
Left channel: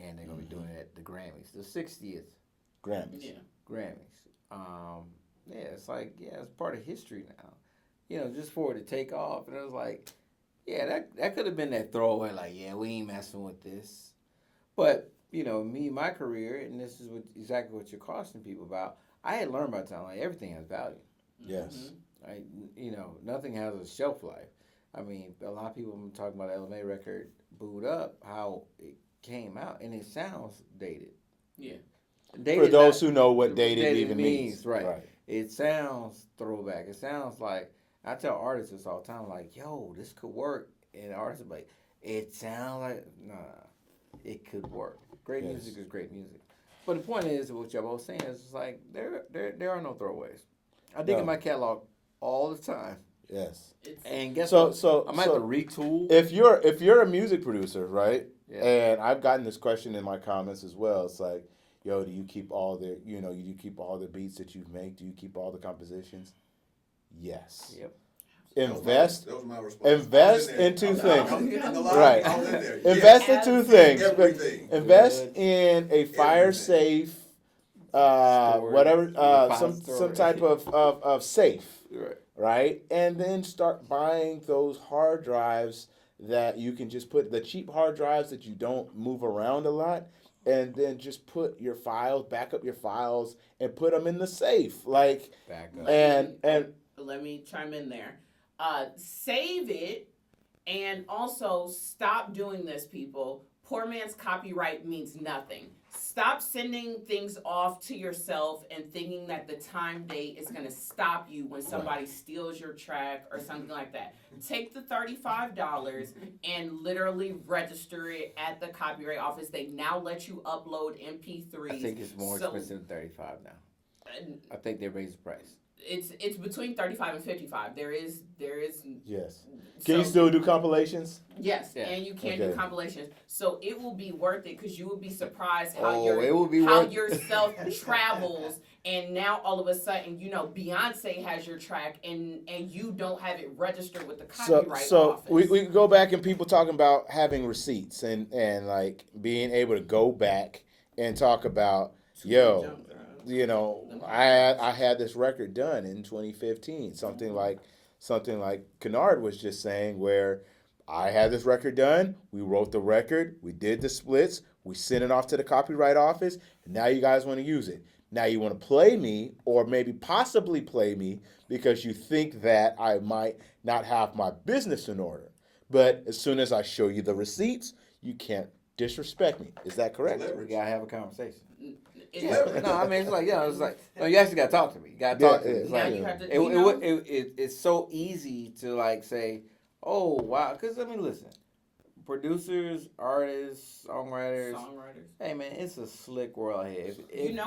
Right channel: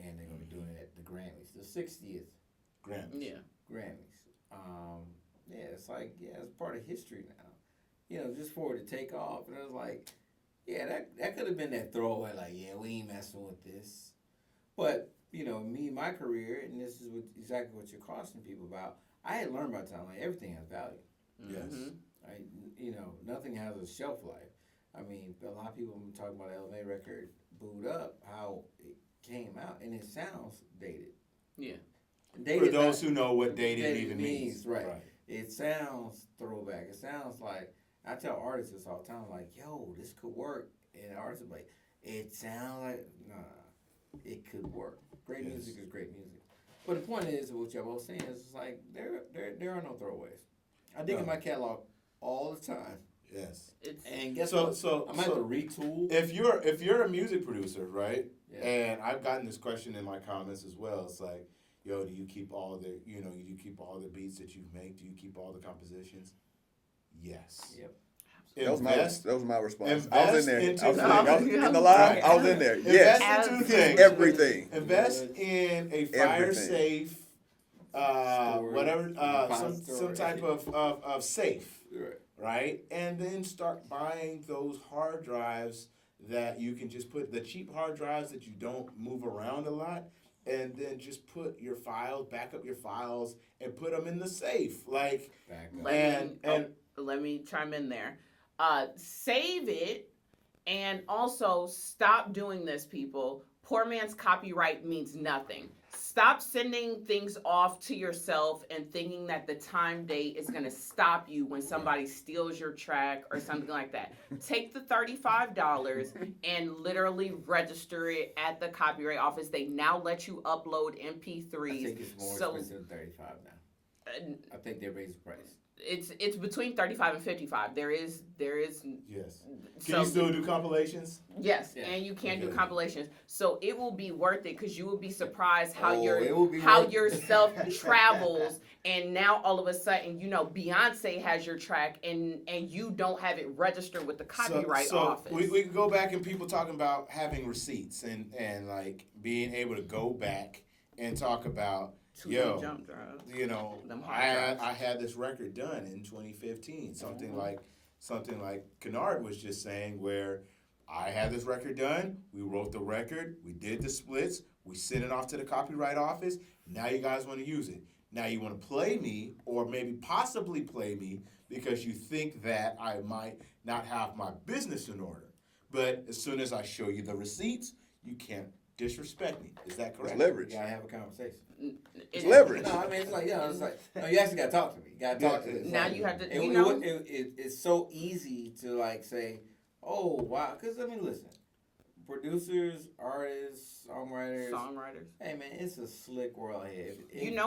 And they're going to be doing it at the Grammys, the 60th Grammys. Grammys. It's like, it's part of history now. just for it to take off. And I was like, yeah, that could have been that throwaway, like, yeah, we ain't messing with this. But, me, my career, and this is exactly what you're cautioning people about, I had learned by the time, like, everything has value. Yes. Right? Nothing has a shelf life. I mean, a lot of people have been talking about the LMA record, Booed Up, how it came out, and it sounds dated. Yeah. For those who know what dated even means. Right. It sounds throwback. It sounds like, I tell artists this all the time, like, yo, this could work. And artists are like, it sounds like, nah, it could work. Great music is great music. But the point is, what y'all both saying is, it's like, there are no throwaways. I dig in my catalog all the time. Yes. And guess so what? so I might have to retool. If you're a music producer, right? Yeah. And I've gotten this question in my comments as well. It's like, yo, do you keep all the you keep all the beats that you make? Do you keep all the compositions? Yes. Yep. Invest. That was my response. Invest in two things. In the line, Right. I was in there. Invest Yes. in two things. Everything. Invest in a fire Everything. safe, some type of safe. Right. Right? And then start buying those hard drives that you can just put, the cheap hard drives that you don't move around a lot, and then just put your files, back up your files, and put them in the safe. Like, Back up. and Let me chime in there. Save it, and also stop doing this, people. Poor man's copyright means nothing. Stop sending things off to yourself and thinking that the time date is going to stop you when somebody steals your track or something like that. Take the $35 and literally register it at the Copyright Office. They now let you upload MP3s. I think it's more expensive than 35 now. I think they raised the price. It's between 35 and 55. There is yes. Can you still do compilations? Yes, Yeah. and you can do Okay. compilations. So it will be worth it because you will be surprised how it will be how worth your it. self travels, and now all of a sudden, Beyonce has your track, and you don't have it registered with the copyright office. we go back and people talking about having receipts and like being able to go back and talk about, yo, Jump drives. Them I had this record done in 2015. Something like Kennard was just saying, where I had this record done. We wrote the record. We did the splits. We sent it off to the Copyright Office. Now you guys want to use it. Now you want to play me, or maybe possibly play me, because you think that I might not have my business in order. But as soon as I show you the receipts, you can't disrespect me. Is that correct? Leverage. You gotta have a conversation. It's Leverage. No, I mean, it's like, no, you actually gotta talk to me. You gotta talk to me. It's Now like, you have to. it's so easy to like say, oh wow, because I mean, listen, producers, artists, songwriters. Hey man, it's a slick world here.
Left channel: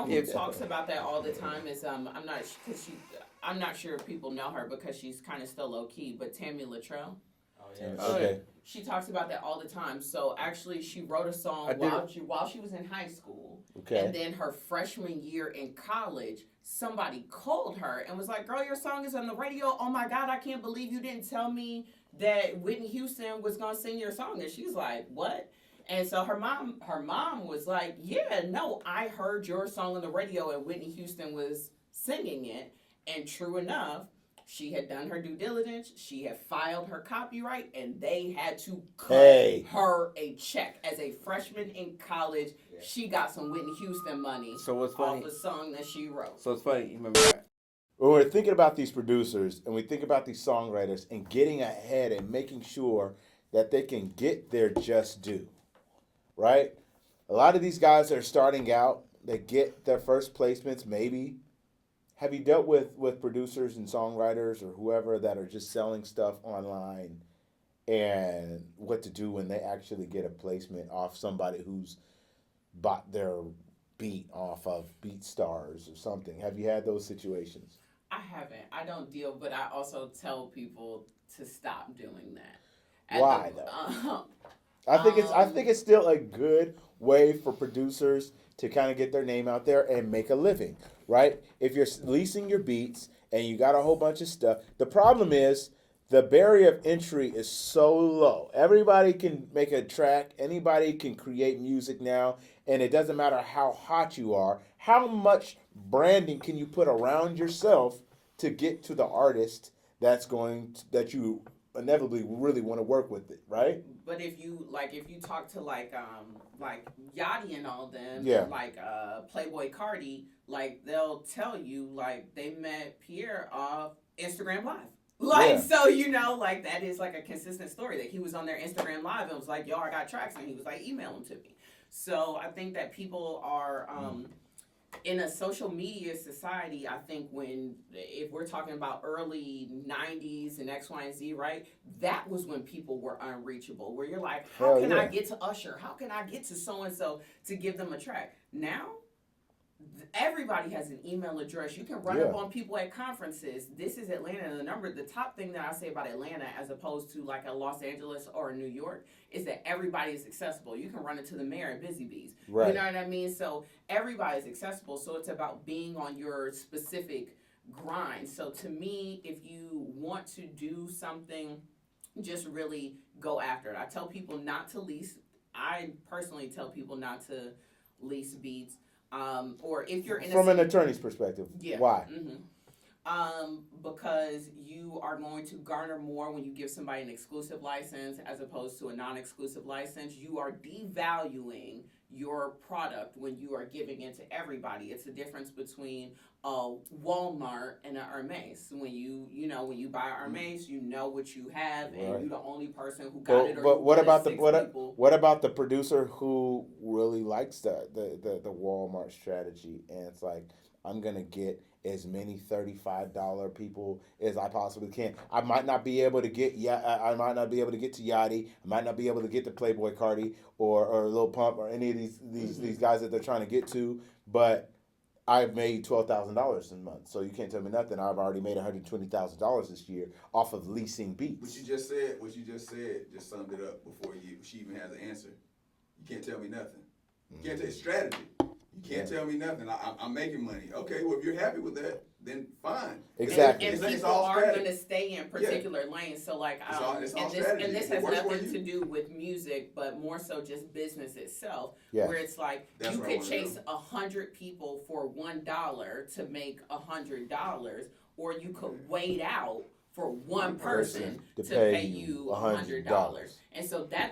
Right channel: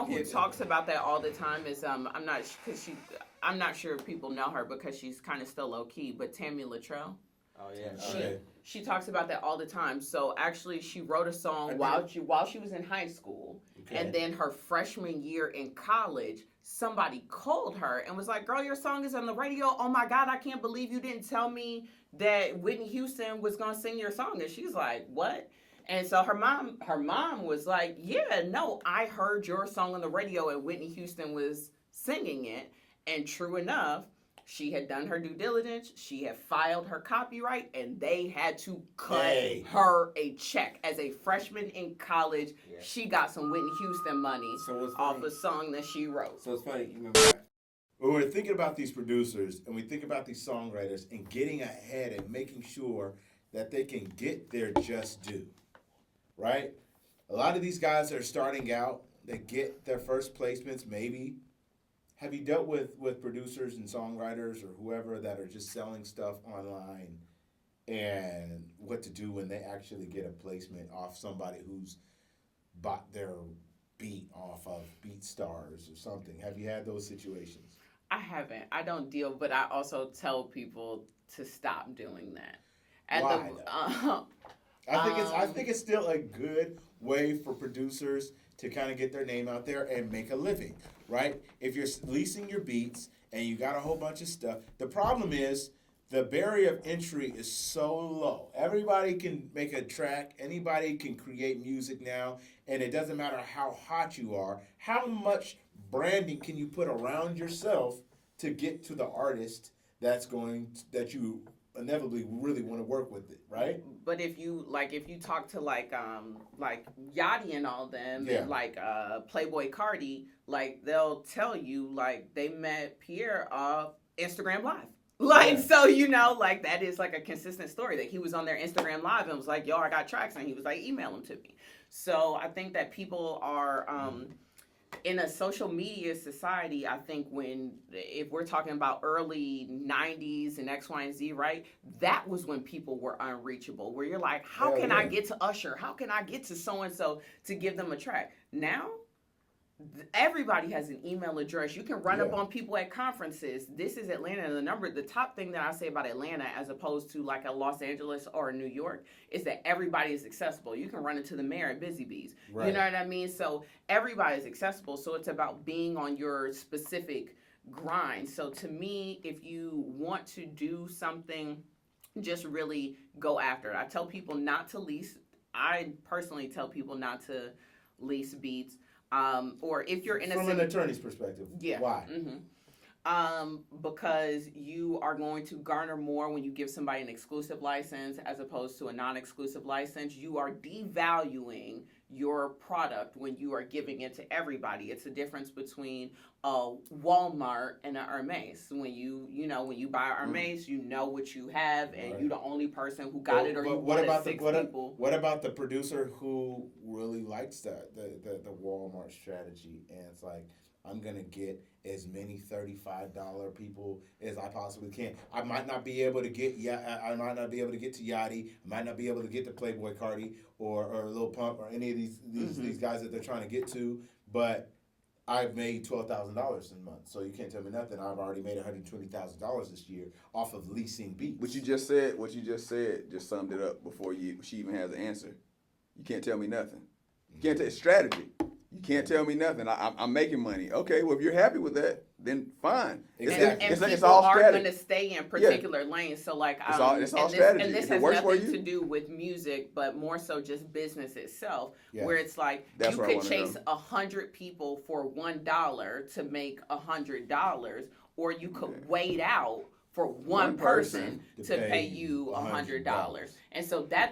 Who talks about that all the time is I'm not sure if people know her because she's kind of still low key, but Tammy Latrell. Oh yeah. Okay. She talks about that all the time. So actually, she wrote a song while she was in high school, Okay. and then her freshman year in college, somebody called her and was like, "Girl, your song is on the radio. Oh my God, I can't believe you didn't tell me that Whitney Houston was gonna sing your song." And she's like, "What?" And so her mom was like, "Yeah, no, I heard your song on the radio and Whitney Houston was singing it." And true enough, she had done her due diligence. She had filed her copyright, and they had to cut her a check. As a freshman in college, she got some Whitney Houston money off a song that she wrote. So it's funny. You remember that? When we're thinking about these producers and we think about these songwriters and getting ahead and making sure that they can get their just due, right? A lot of these guys that are starting out, they get their first placements maybe. Have you dealt with producers and songwriters or whoever that are just selling stuff online, and what to do when they actually get a placement off somebody who's bought their beat off of BeatStars or something? Have you had those situations? I haven't. I don't deal, but I also tell people to stop doing that. Why, though? I think it's still a good way for producers to kind of get their name out there and make a living, right? If you're leasing your beats and you got a whole bunch of stuff, the problem is the barrier of entry is so low. Everybody can make a track. Anybody can create music now, and it doesn't matter how hot you are. How much branding can you put around yourself to get to the artist that you inevitably really want to work with it, right? But if you talk to like Yachty and all them, Yeah. and like Playboy Cardi, like they'll tell you like they met Pierre off Instagram Live. Like, Yeah. so, you know, like that is like a consistent story that he was on their Instagram Live and was like, yo, I got tracks, and he was like, email them to me. So I think that people are in a social media society. I think if we're talking about early 90s and X, Y, and Z, right? That was when people were unreachable, where you're like, how Hell can yeah. I get to Usher? How can I get to so-and-so to give them a track? Now, everybody has an email address. You can run up Yeah. on people at conferences. This is Atlanta, and the top thing that I say about Atlanta as opposed to like a Los Angeles or a New York is that everybody is accessible. You can run into the mayor at Busy Bees. Right. You know what I mean? So everybody is accessible. So it's about being on your specific grind. So to me, if you want to do something, just really go after it. I tell people not to lease. I personally tell people not to lease beats. Or if you're in From an attorney's perspective, yeah. why? Because you are going to garner more when you give somebody an exclusive license as opposed to a non-exclusive license. You are devaluing your product when you are giving it to everybody. It's the difference between a Walmart and an Hermes. When you buy Hermes, you know what you have, and Right. you're the only person who got it. Or you what get about six people. what about the producer who really likes the Walmart strategy, and it's like, I'm gonna get as many $35 people as I possibly can. I might not be able to get I might not be able to get to Yachty. I might not be able to get to Playboy Cardi or Lil Pump or any of these guys that they're trying to get to, but I've made $12,000 in a month, so you can't tell me nothing. I've already made $120,000 this year off of leasing beats. What you just said just summed it up before she even has an answer. You can't tell me nothing. You can't tell strategy. You can't tell me nothing. I'm making money. Okay, well, if you're happy with that, then fine. Exactly. And people are going to stay in particular lanes. So like, It's all and strategy. this If it has works for nothing you. to do with music, but more so just business itself, Yeah. where it's like That's you what I could wanna chase know. 100 people for $1 to make $100, or you could wait out for one person to pay you $100. And so that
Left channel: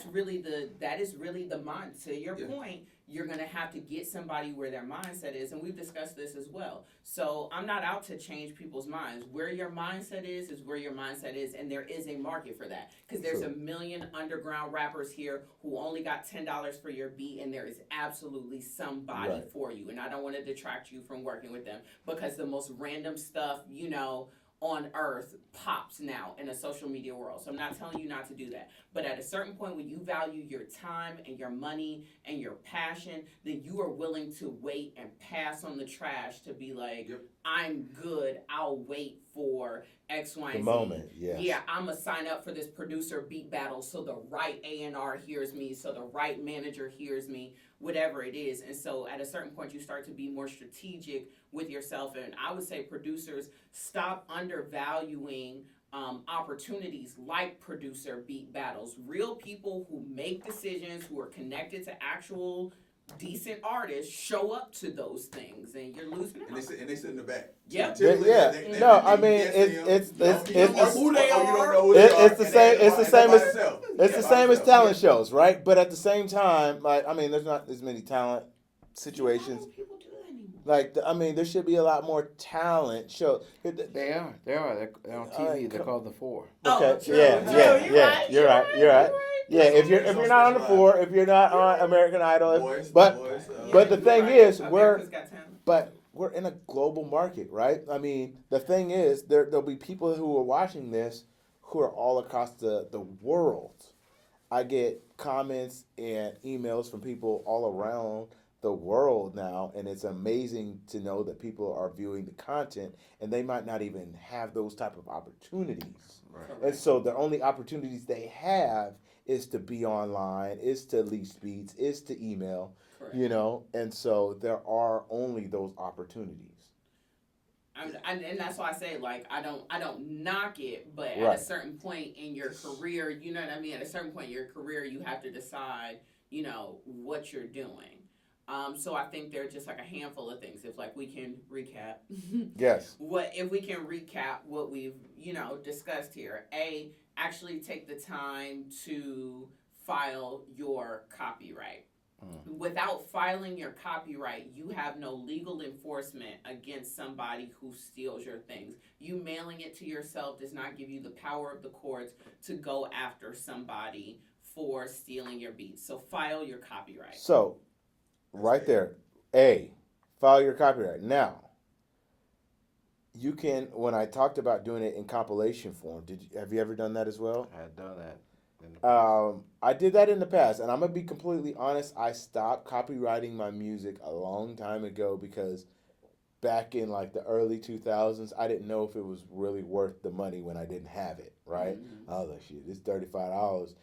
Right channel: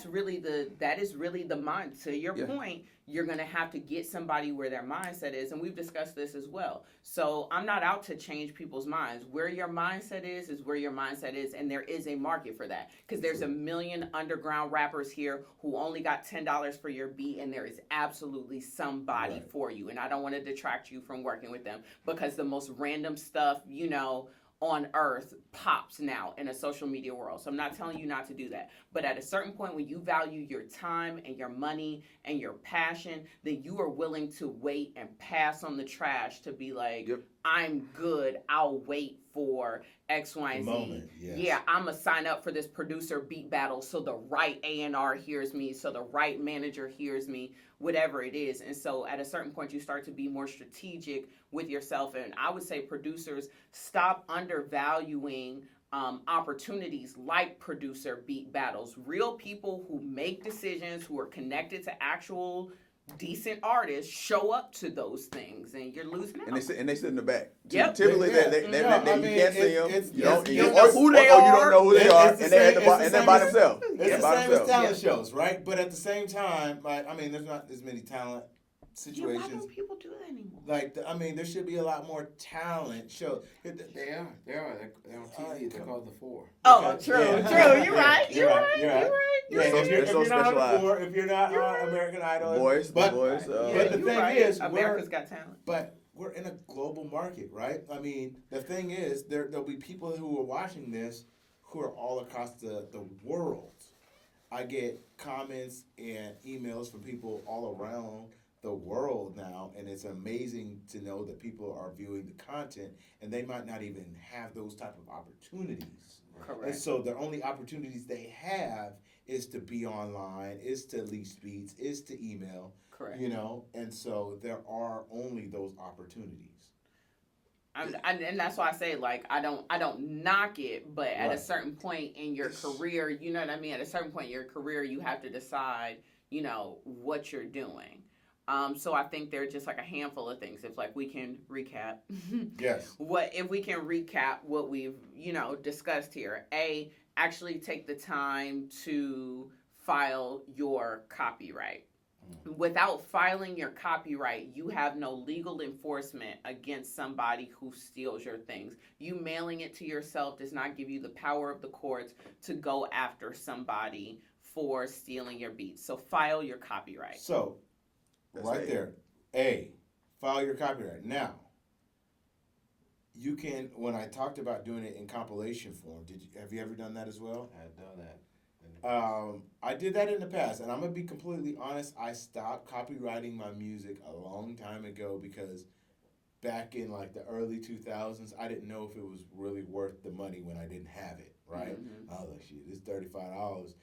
is really the mind. To your point, you're going to have to get somebody where their mindset is, and we've discussed this as well. So I'm not out to change people's minds. Where your mindset is where your mindset is, and there is a market for that, because there's a million underground rappers here who only got $10 for your beat, and there is absolutely somebody Right. for you. And I don't want to detract you from working with them, because the most random stuff, on earth pops now in a social media world. So I'm not telling you not to do that. But at a certain point, when you value your time and your money and your passion, then you are willing to wait and pass on the trash to be like, Yep. I'm good. I'll wait for X, Y, and Z. moment, yes. Yeah, I'm going to sign up for this producer beat battle so the right A&R hears me, so the right manager hears me, whatever it is. And so at a certain point, you start to be more strategic with yourself. And I would say producers, stop undervaluing opportunities like producer beat battles. Real people who make decisions, who are connected to actual decent artists, show up to those things, and you're losing out. And they sit in the back. Yep. Typically, Yeah. they No, I you mean, can't see it's- them. You don't it's- know who they are. You don't know who they are. It's the and same. they're It's the by- same they're by as themselves. it's They're the by same as themselves. talent shows, right? But at the same time, like, I mean, there's not as many talent Why situations. don't people do that anymore? Like, I mean, there should be a lot more talent shows. They are. They're on TV. They're called The Four. Oh, Okay, true. yeah, yeah, You're yeah, right. you're right. Yeah, if you're so not on the specialized. four, if you're not on American Idol, Boys, but boys, but the you're thing right. is, America's Got Talent. we're in a global market, right? I mean, the thing is, there'll be people who are watching this who are all across the world. I get comments and emails from people all around the world now, and it's amazing to know that people are viewing the content, and they might not even have those type of opportunities. Correct. And so the only opportunities they have is to be online, is to lease beats, is to email. Correct. And so there are only those opportunities. And that's why I say, like, I don't knock it, but at Right. a certain point in your career, you know what I mean? At a certain point in your career, you have to decide, what you're doing. So I think there are just like a handful of things. If like we can recap, Yes. if we can recap what we've discussed here. Actually take the time to file your copyright. Without filing your copyright, you have no legal enforcement against somebody who steals your things. You mailing it to yourself does not give you the power of the courts to go after somebody for stealing your beats. So file your copyright. So, right there, file your copyright. Now, you can. When I talked about doing it in compilation form, have you ever done that as well? I had done that. I did that in the past, and I'm gonna be completely honest. I stopped copywriting my music a long time ago because back in like the early 2000s, I didn't know if it was really worth the money when I didn't have it. Right? I was like, shit, it's $35,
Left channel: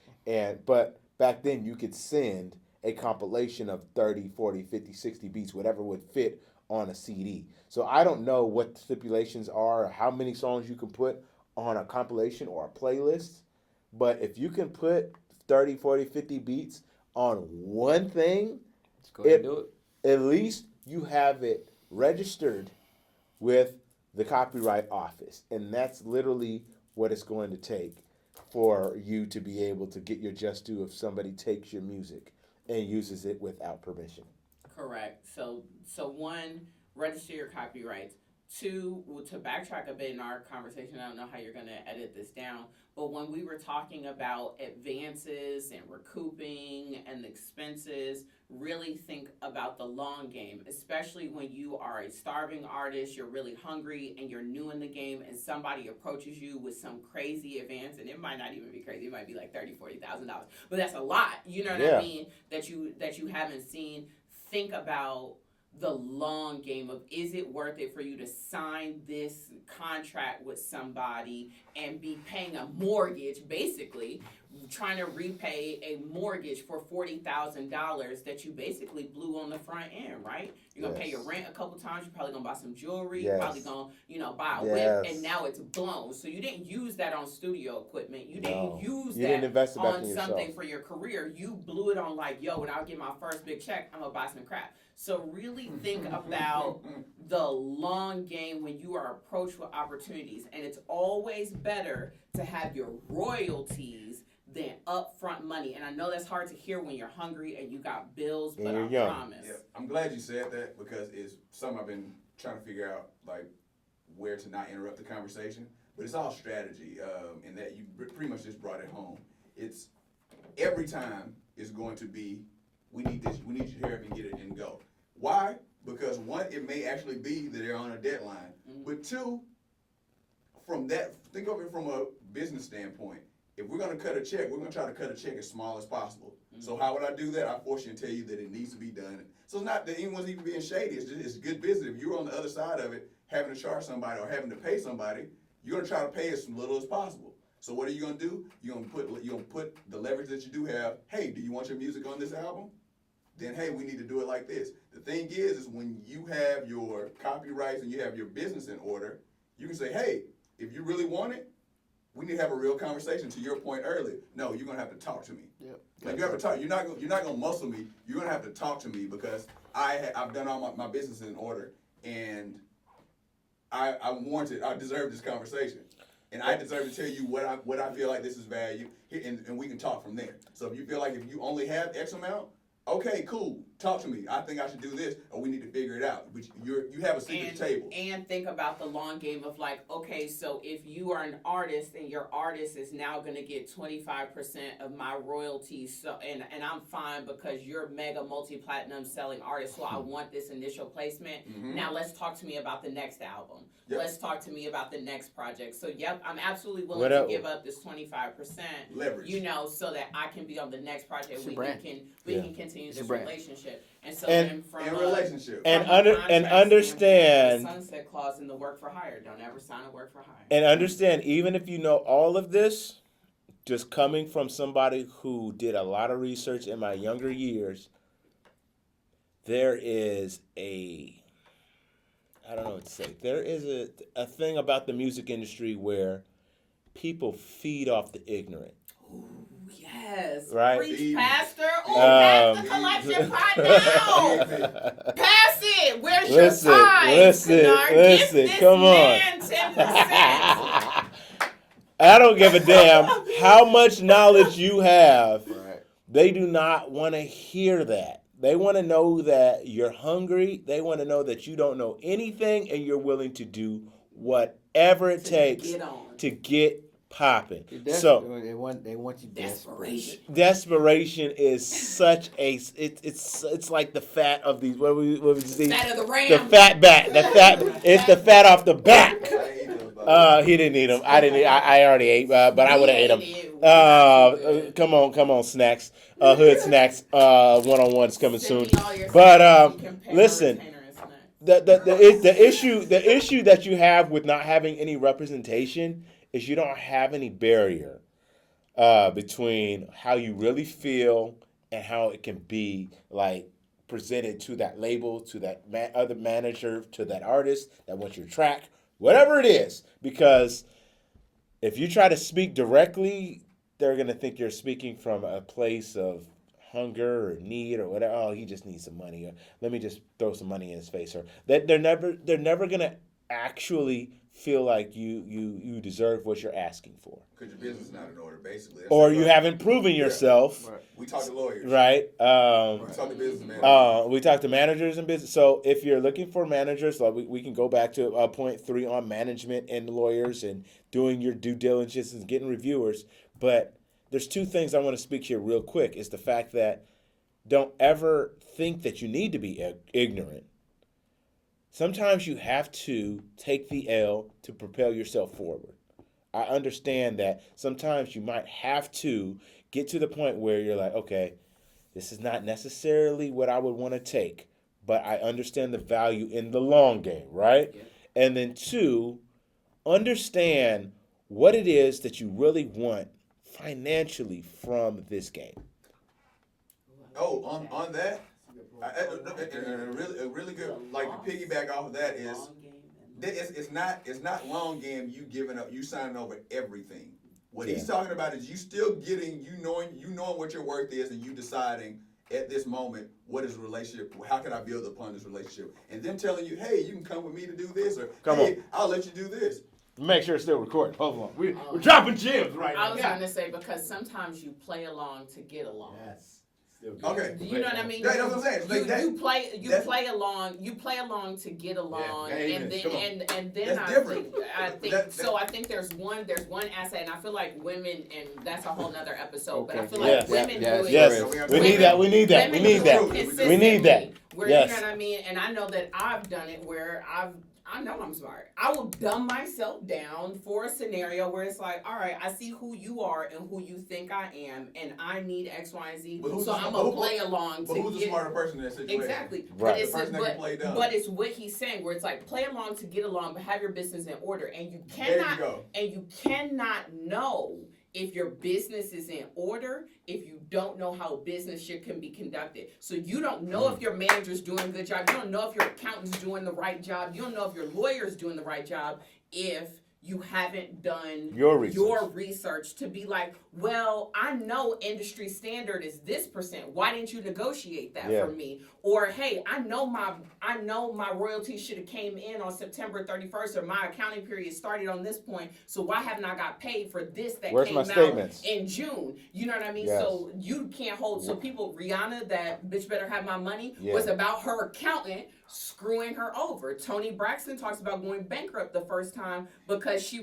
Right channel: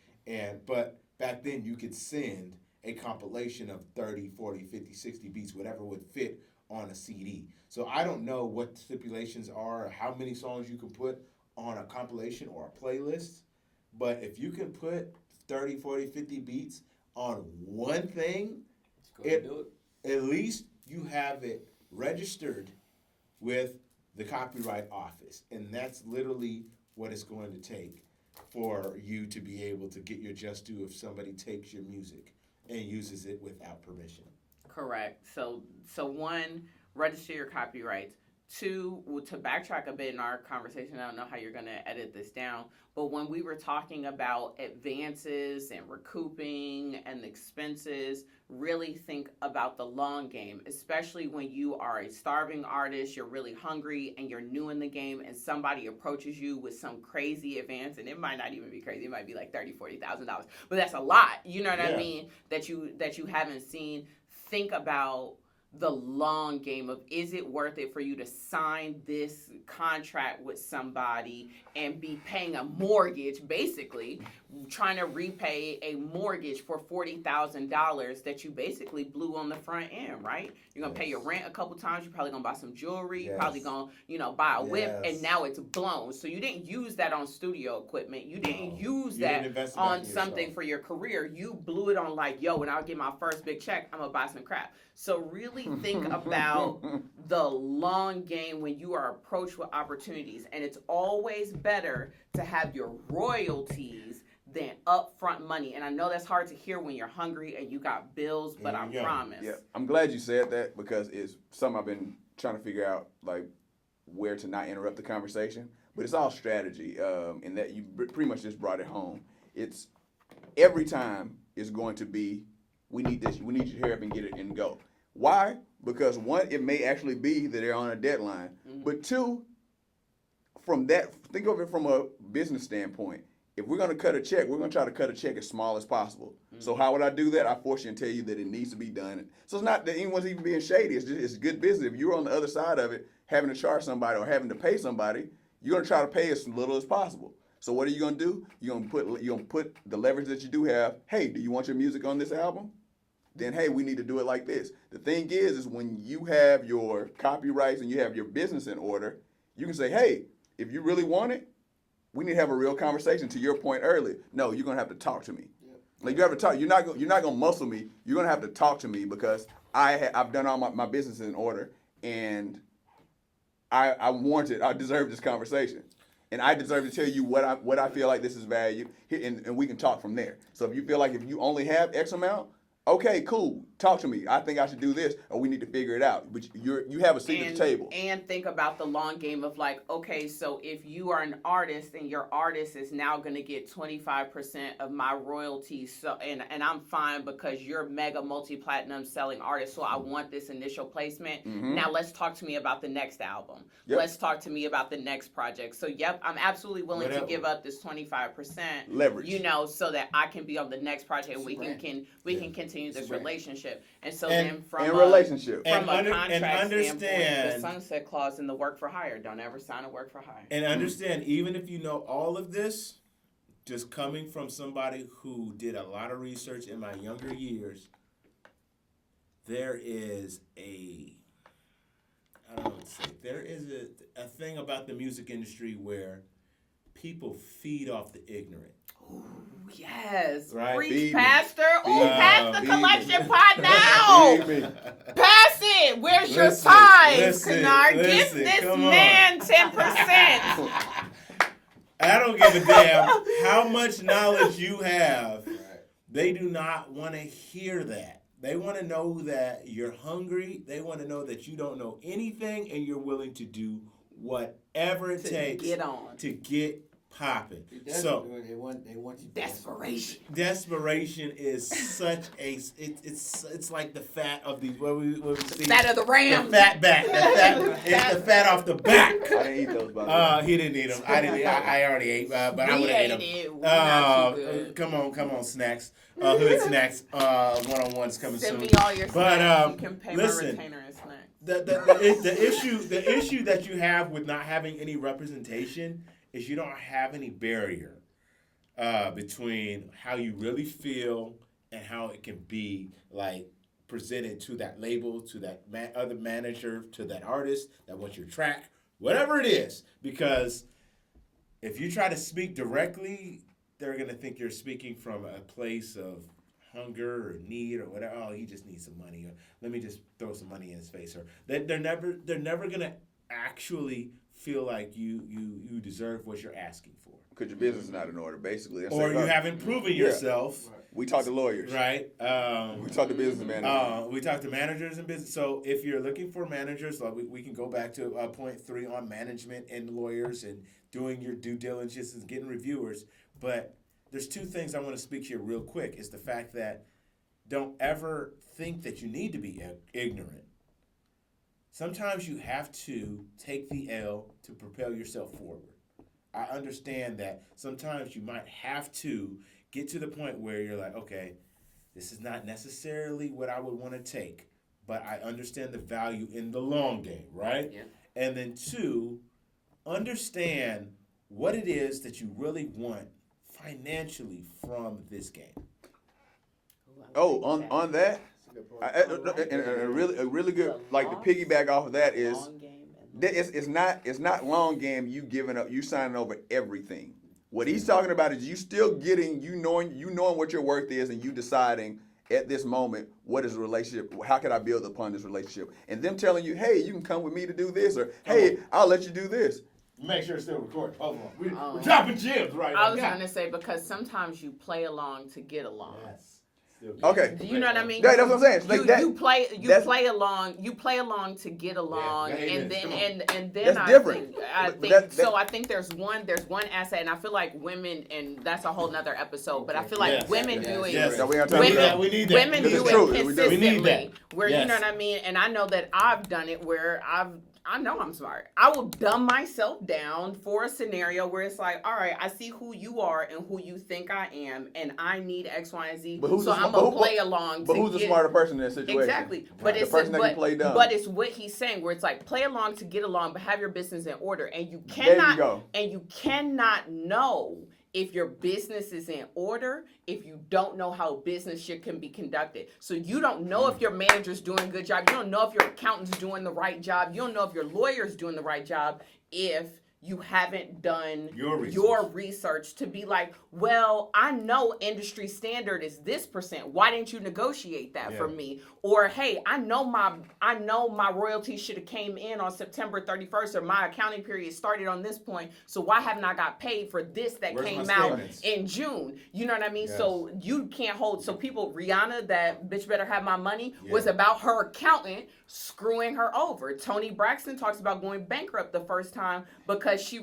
but back then you could send a compilation of 30, 40, 50, 60 beats, whatever would fit on a CD. So I don't know what the stipulations are or how many songs you can put on a compilation or a playlist. But if you can put 30, 40, 50 beats on one thing, Let's go ahead and do it. at least you have it registered with the Copyright Office. And that's literally what it's going to take for you to be able to get your just due if somebody takes your music and uses it without permission. Correct. So one, register your copyrights. Two, to backtrack a bit in our conversation, I don't know how you're going to edit this down, but when we were talking about advances and recouping and expenses, really think about the long game, especially when you are a starving artist, you're really hungry, and you're new in the game, and somebody approaches you with some crazy advance, and it might not even be crazy, it might be like $30,000, $40,000, but that's a lot, you know what I mean, that you haven't seen. Think about the long game of, is it worth it for you to sign this contract with somebody and be paying a mortgage, basically trying to repay a mortgage for $40,000 that you basically blew on the front end, right? You're gonna pay your rent a couple times. You're probably gonna buy some jewelry. You're probably gonna, buy a whip, and now it's blown. So you didn't use that on studio equipment. You didn't use that on something for your career. You blew it on like, yo, when I get my first big check, I'm gonna buy some crap. So really think about the long game when you are approached with opportunities. And it's always better to have your royalties than upfront money. And I know that's hard to hear when you're hungry and you got bills, but I promise. Yeah, I'm glad you said that because it's something I've been trying to figure out, like where to not interrupt the conversation. But it's all strategy, in that you pretty much just brought it home. It's every time is going to be, we need this, we need you to hurry up and get it and go. Why? Because one, it may actually be that they're on a deadline. But two, from that, think of it from a business standpoint. If we're going to cut a check, we're going to try to cut a check as small as possible. So how would I do that? I force you and tell you that it needs to be done. So it's not that anyone's even being shady. It's good business. If you're on the other side of it, having to charge somebody or having to pay somebody, you're going to try to pay as little as possible. So what are you going to do? You're going to put the leverage that you do have. Hey, do you want your music on this album? Then, hey, we need to do it like this. The thing is when you have your copyrights and you have your business in order, you can say, hey, if you really want it, we need to have a real conversation. To your point earlier, no, you're gonna have to talk to me. Yep. Like you have to talk. You're not gonna muscle me. You're gonna have to talk to me because I've done all my business in order, and I warranted. I deserve this conversation, and I deserve to tell you what I feel like this is value, and we can talk from there. So if you feel like if you only have X amount, okay, cool. Talk to me. I think I should do this, or we need to figure it out. But you have a seat at the table. And think about the long game of like, okay, so if you are an artist and your artist is now going to get 25% of my royalties, so and I'm fine because you're mega multi-platinum selling artist, so I want this initial placement. Now let's talk to me about the next album. Yep. Let's talk to me about the next project. So yep, I'm absolutely willing to give up this 25% leverage, so that I can be on the next project and we can continue this relationship. And so and, then from relationship and understand the sunset clause in the work for hire. Don't ever sign a work for hire. And understand, even if you know all of this, just coming from somebody who did a lot of research in my younger years, there is I don't know what to say. There is a thing about the music industry where people feed off the ignorant. Yes. Right. Preach, Feed me. Pastor. Oh, pass the Feed collection me. pot now. Pass it. Where's your Listen, signs, listen, Kennard? Give listen, this come on. man 10%. I don't give a damn how much knowledge you have. Right. They do not want to hear that. They want to know that you're hungry. They want to know that you don't know anything and you're willing to do whatever it takes Get on. to get popping. So So they want you Desperation. desperation is such a it's like the fat of these what we see Fat of the the ram. fat back the fat it's the fat off the back. I ate those, by the way. He didn't eat them. I didn't. I already ate, but I would have ate them. Come on, snacks. Hood snacks. 1-on-1 is coming Send soon. me all your But snacks. You can pay my listen, retainer and snacks. the issue that you have with not having any representation is you don't have any barrier between how you really feel and how it can be like presented to that label, to that other manager, to that artist that wants your track, whatever it is. Because if you try to speak directly, they're gonna think you're speaking from a place of hunger or need or whatever. Oh, he just needs some money. Or let me just throw some money in his face. Or they're never gonna actually feel like you deserve what you're asking for. Because your business is not in order, basically. That's Or what you I'm- haven't proven yourself, We talk to lawyers. right? We talk to businessmen. We talk to managers and business. So if you're looking for managers, like we can go back to point 3 on management and lawyers and doing your due diligence and getting reviewers. But there's 2 things I want to speak here real quick. Is the fact that don't ever think that you need to be ignorant. Sometimes you have to take the L to propel yourself forward. I understand that sometimes you might have to get to the point where you're like, okay, this is not necessarily what I would want to take, but I understand the value in the long game, right? Yep. And then 2, understand what it is that you really want financially from this game. Oh, on that, a really good, like to piggyback off of that is, it's not long game. You giving up, you signing over everything. What he's talking about is you still getting, you knowing what your worth is, and you deciding at this moment what is a relationship. How can I build upon this relationship? And them telling you, hey, you can come with me to do this, or hey, I'll let you do this. Make sure it's still recording. Hold on. We're Oh. dropping gems right now. I was going to say, because sometimes you play along to get along. Okay. Do you know what I mean? Yeah, that's what I'm saying. Like that- You play that's- along to get along, Yeah, and amen. then Come and then That's I different. think so. I think there's one asset, and I feel like women, and that's a whole nother episode. But I feel like Yes. women do it. Yes, we need that. We need that. Women We need do that. it We consistently. need that. Where Yes. you know what I mean, and I know that I've done it where I know I'm smart. I will dumb myself down for a scenario where it's like, all right, I see who you are and who you think I am, and I need X, Y, and Z. But who's So the- I'm but gonna who- play along But to who's the get smarter person in that situation? exactly. Right. But it's The person that can play dumb. but it's what he's saying where it's like play along to get along, but have your business in order, and you There you cannot go. know if your business is in order if you don't know how business can be conducted. So you don't know if your manager's doing a good job. You don't know if your accountant's doing the right job. You don't know if your lawyer's doing the right job if you haven't done Your research to be like, well, I know industry standard is this percent. Why didn't you negotiate that for me? Or hey, I know my royalties should have came in on September 31st, or my accounting period started on this point. So why haven't I got paid for this that Where's came my out statements? in June? You know what I mean? Yes. So you can't hold. So people, Rihanna, that bitch better have my money, Yeah. was about her accountant screwing her over. Toni Braxton talks about going bankrupt the first time because she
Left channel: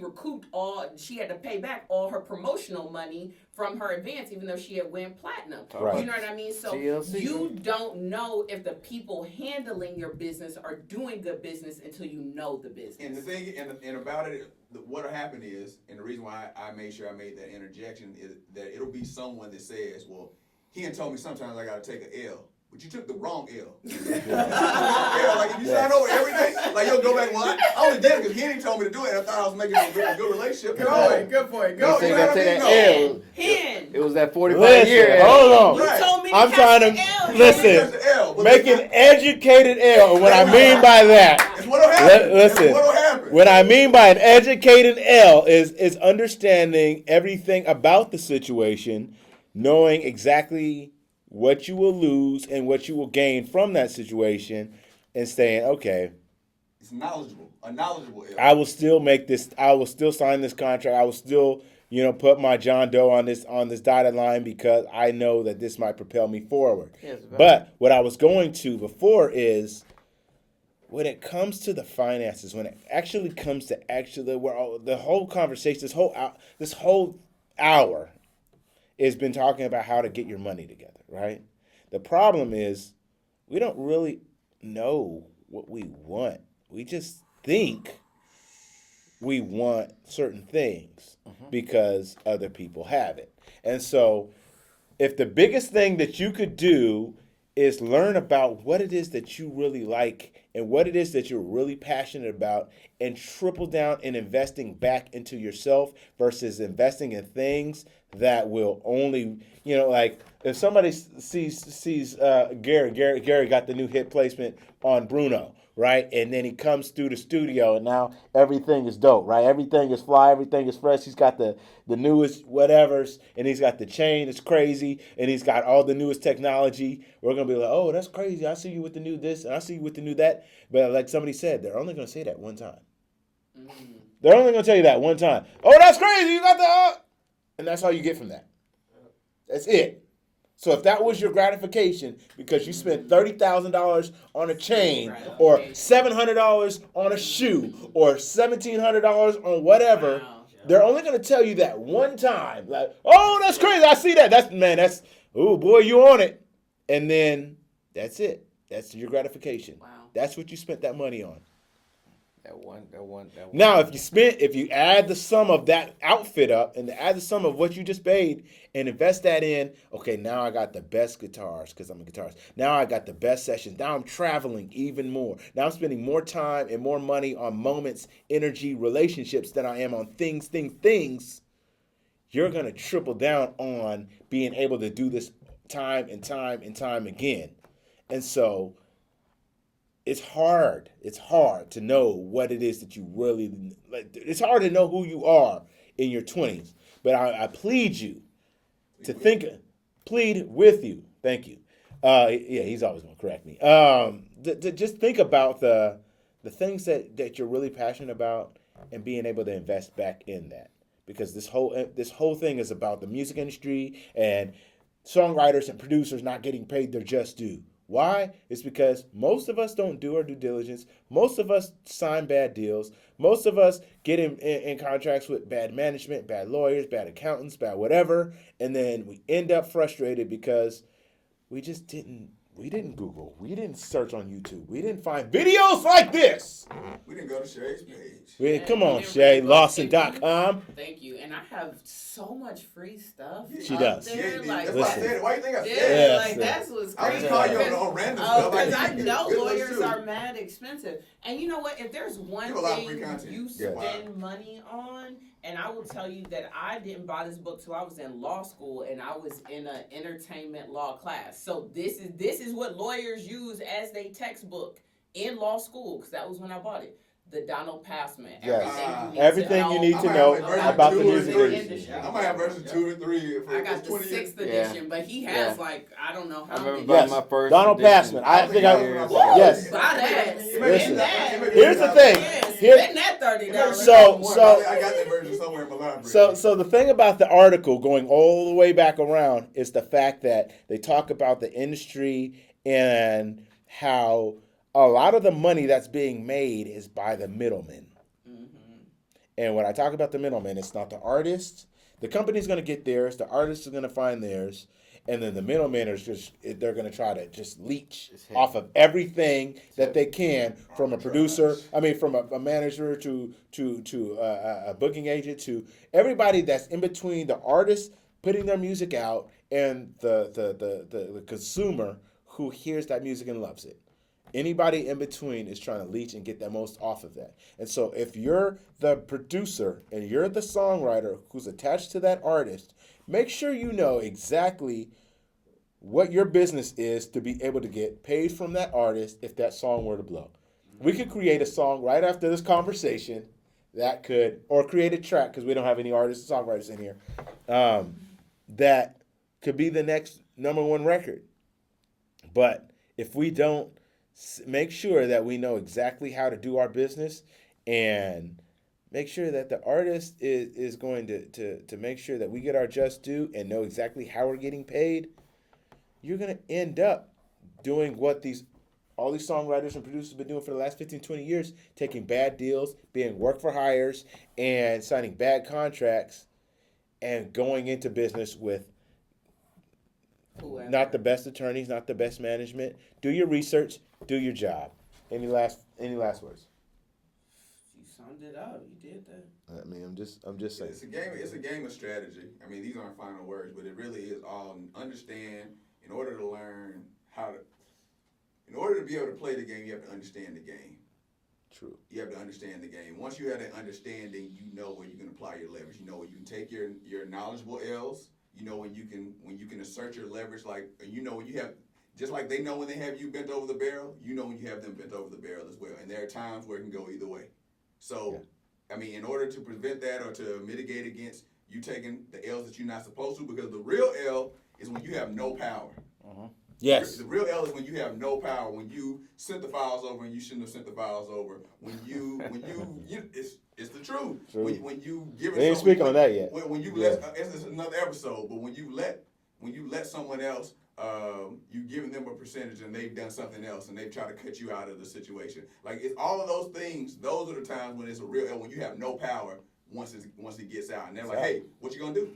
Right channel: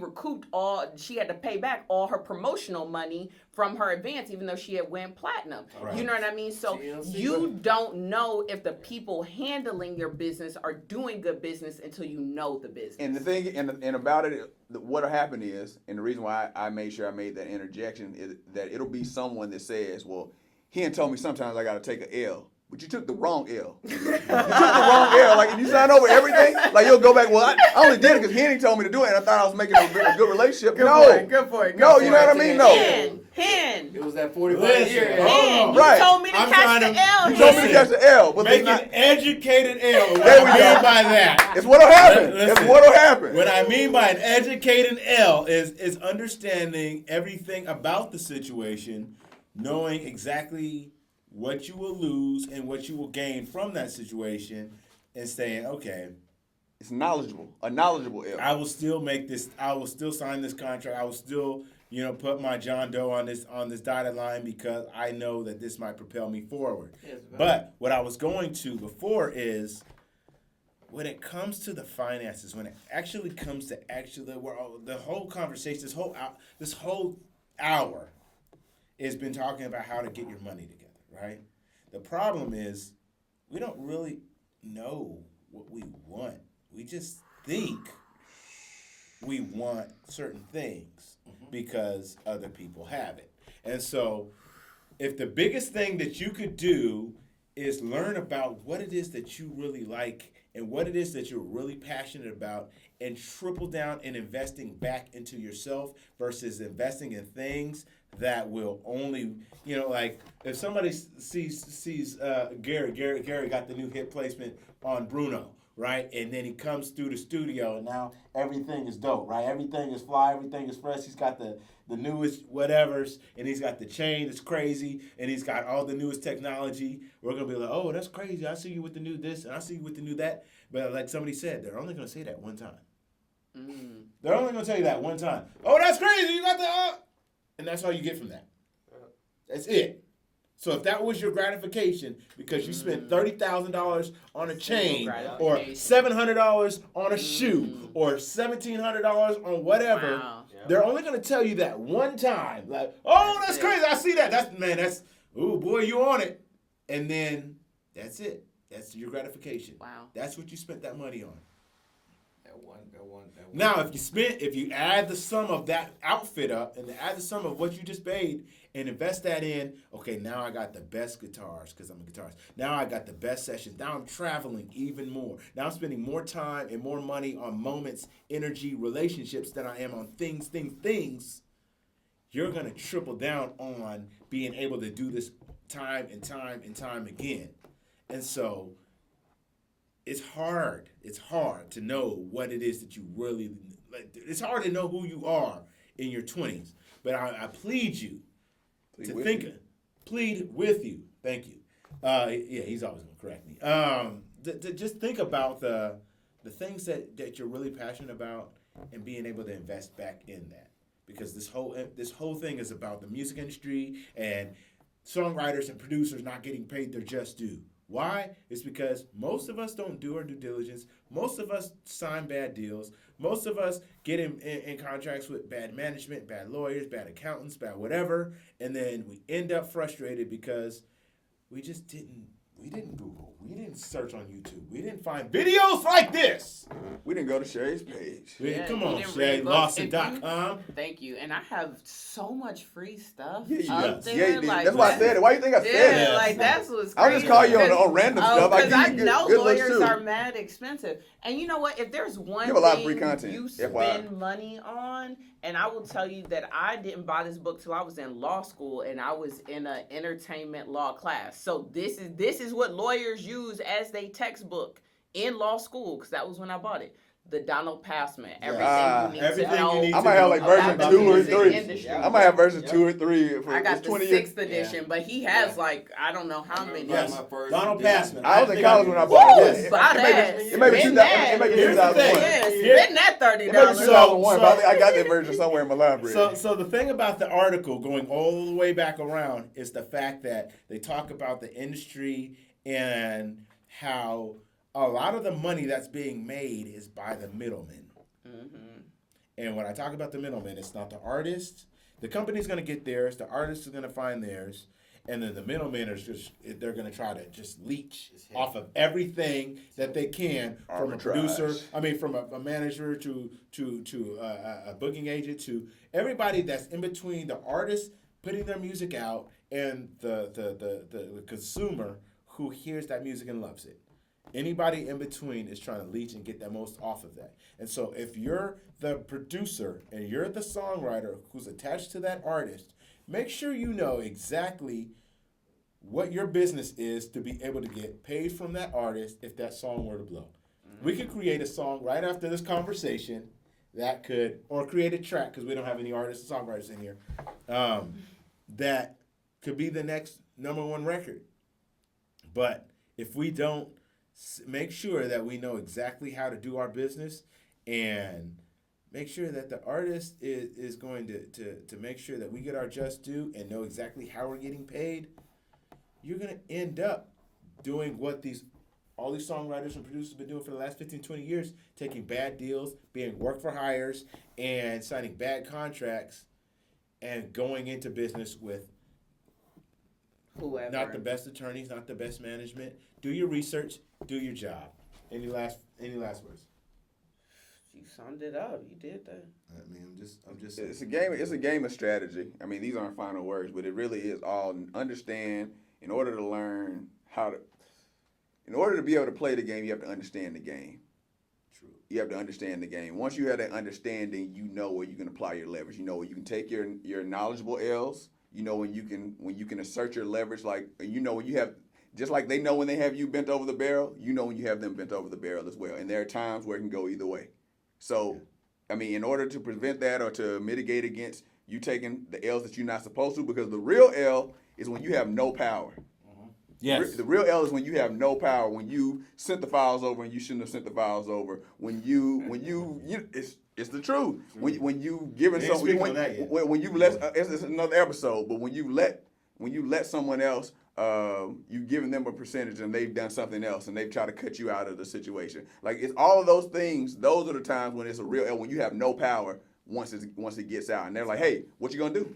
had to pay back all her promotional money from her advance, even though she had went platinum. Right. You know what I mean? So TLC, you don't know if the people handling your business are doing good business until you know the business. And the thing, and about it, what'll happen is, and the reason why I made sure I made that interjection is that it'll be someone that says, well, he had told me sometimes I gotta take an L. But you took the wrong L. You took the wrong L. Like, if you sign over everything, like, you'll go back, well, I only did it because Henny told me to do it, and I thought I was making a good relationship. Good point. No, you know what I mean? No. Hen. It was that 45 Listen, year. hold on. You Right. told me to I'm catch trying the to L. listen. That's the L. But Make it's an educated L. And what I mean by that, It's what'll happen. listen. It's what'll happen. what I mean by an educated L is understanding everything about the situation knowing exactly what you will lose and what you will gain from that situation, and saying, okay, It's knowledgeable, a knowledgeable L. I will still make this. I will still sign this contract. I will still, put my John Doe on this dotted line because I know that this might propel me forward. Yes, But what I was going to before is when it comes to the finances, when it actually comes to the whole conversation, this whole hour has been talking about how to get your money together, right? The problem is we don't really know what we want. We just think we want certain things because other people have it. And so if the biggest thing that you could do is learn about what it is that you really like and what it is that you're really passionate about, and triple down in investing back into yourself versus investing in things that will only, like if somebody sees Gary got the new hit placement on Bruno, right? And then he comes through the studio and now everything is dope, right? Everything is fly, everything is fresh. He's got the newest whatevers, and he's got the chain that's crazy, and he's got all the newest technology. We're going to be like, oh, that's crazy. I see you with the new this, and I see you with the new that. But like somebody said, they're only going to say that one time. They're only going to tell you that one time. Oh, that's crazy. You got that. And that's all you get from that. That's it. So if that was your gratification because you spent $30,000 on a chain or $700 on a shoe or $1,700 on whatever, they're only going to tell you that one time. Like, oh, that's crazy. I see that. That's, oh, boy, you on it. And then that's it. That's your gratification. Wow. That's what you spent that money on. That one. Now, if you add the sum of that outfit up and add the sum of what you just paid and invest that in, okay, now I got the best guitars because I'm a guitarist. Now I got the best sessions. Now I'm traveling even more. Now I'm spending more time and more money on moments, energy, relationships than I am on things. You're going to triple down on being able to do this time and time again. And so it's hard. It's hard to know what it is that you really like. It's hard to know who you are in your 20s. But I plead you to think. Plead with you. Thank you. Yeah, he's always going to correct me. To just think about the things that you're really passionate about and being able to invest back in that. Because this whole thing is about the music industry and songwriters and producers not getting paid their just due. Why? It's because most of us don't do our due diligence. Most of us sign bad deals. Most of us get in contracts with bad management, bad lawyers, bad accountants, bad whatever. And then we end up frustrated because we didn't Google. We didn't search on YouTube. We didn't find videos like this. We didn't go to Shay's page. Come on, Shay. Lawson.com. Thank you. And I have so much free stuff She up does. there. Yeah, that's why I said it. Why you think I said Yeah, it? like that's what's I crazy. just call you on random stuff. Because I give you know good ones, lawyers too. are mad expensive. And you know what? If there's one You have a lot of thing free content. you Yeah, why? spend money on, and I will tell you that I didn't buy this book till I was in law school and I was in an entertainment law class. So this is what lawyers use as their textbook in law school, because that was when I bought it. The Donald Passman. Everything you need to know about the music industry. I might have version 2 or 3. I got the 6th edition, but he has like I don't know how many. Yes, Donald Passman. I think I was when I Woo! bought it. Yes. Buy that. Spend that. Here's the thing. Yeah, spend that $30. So I got that version somewhere in my library. So the thing about the article going all the way back around is the fact that they talk about the industry and how a lot of the money that's being made is by the middlemen. Mm-hmm. And when I talk about the middlemen, it's not the artist. The company's going to get theirs. The artist is going to find theirs. And then the middlemen are they're going to try to just leech off of everything that they can from a producer. I mean, from a manager to a booking agent to everybody that's in between the artist putting their music out and the consumer who hears that music and loves it. Anybody in between is trying to leech and get the most off of that. And so if you're the producer and you're the songwriter who's attached to that artist, make sure you know exactly what your business is to be able to get paid from that artist if that song were to blow. We could create a song right after this conversation that could, or create a track, because we don't have any artists and songwriters in here, that could be the next number one record. But if we don't make sure that we know exactly how to do our business and make sure that the artist is going to make sure that we get our just due and know exactly how we're getting paid, you're going to end up doing what all these songwriters and producers have been doing for the last 15, 20 years, taking bad deals, being work for hires, and signing bad contracts, and going into business with Whoever. not the best attorneys, not the best management. Do your research, do your job. Any last words? You summed it up. You did that. I mean, I'm just saying. It's a game of strategy. I mean, these aren't final words, but it really is all understand. In order to be able to play the game, you have to understand the game. True. You have to understand the game. Once you have that understanding, you know where you can apply your leverage. You know where you can take your knowledgeable L's. You know when you can assert your leverage. Like you know when you have, just like they know when they have you bent over the barrel. You know when you have them bent over the barrel as well. And there are times where it can go either way. So, I mean, in order to prevent that or to mitigate against you taking the L's that you're not supposed to, because the real L is when you have no power. Yes. The real L is when you have no power. When you sent the files over and you shouldn't have sent the files over. When you it's the truth. When you giving They ain't someone, speak on that yet. When you let it's another episode, but when you let someone else, you've given them a percentage and they've done something else and they've tried to cut you out of the situation. Like it's all of those things. Those are the times when it's a real L. When you have no power once it gets out, and they're like, hey, what you gonna do?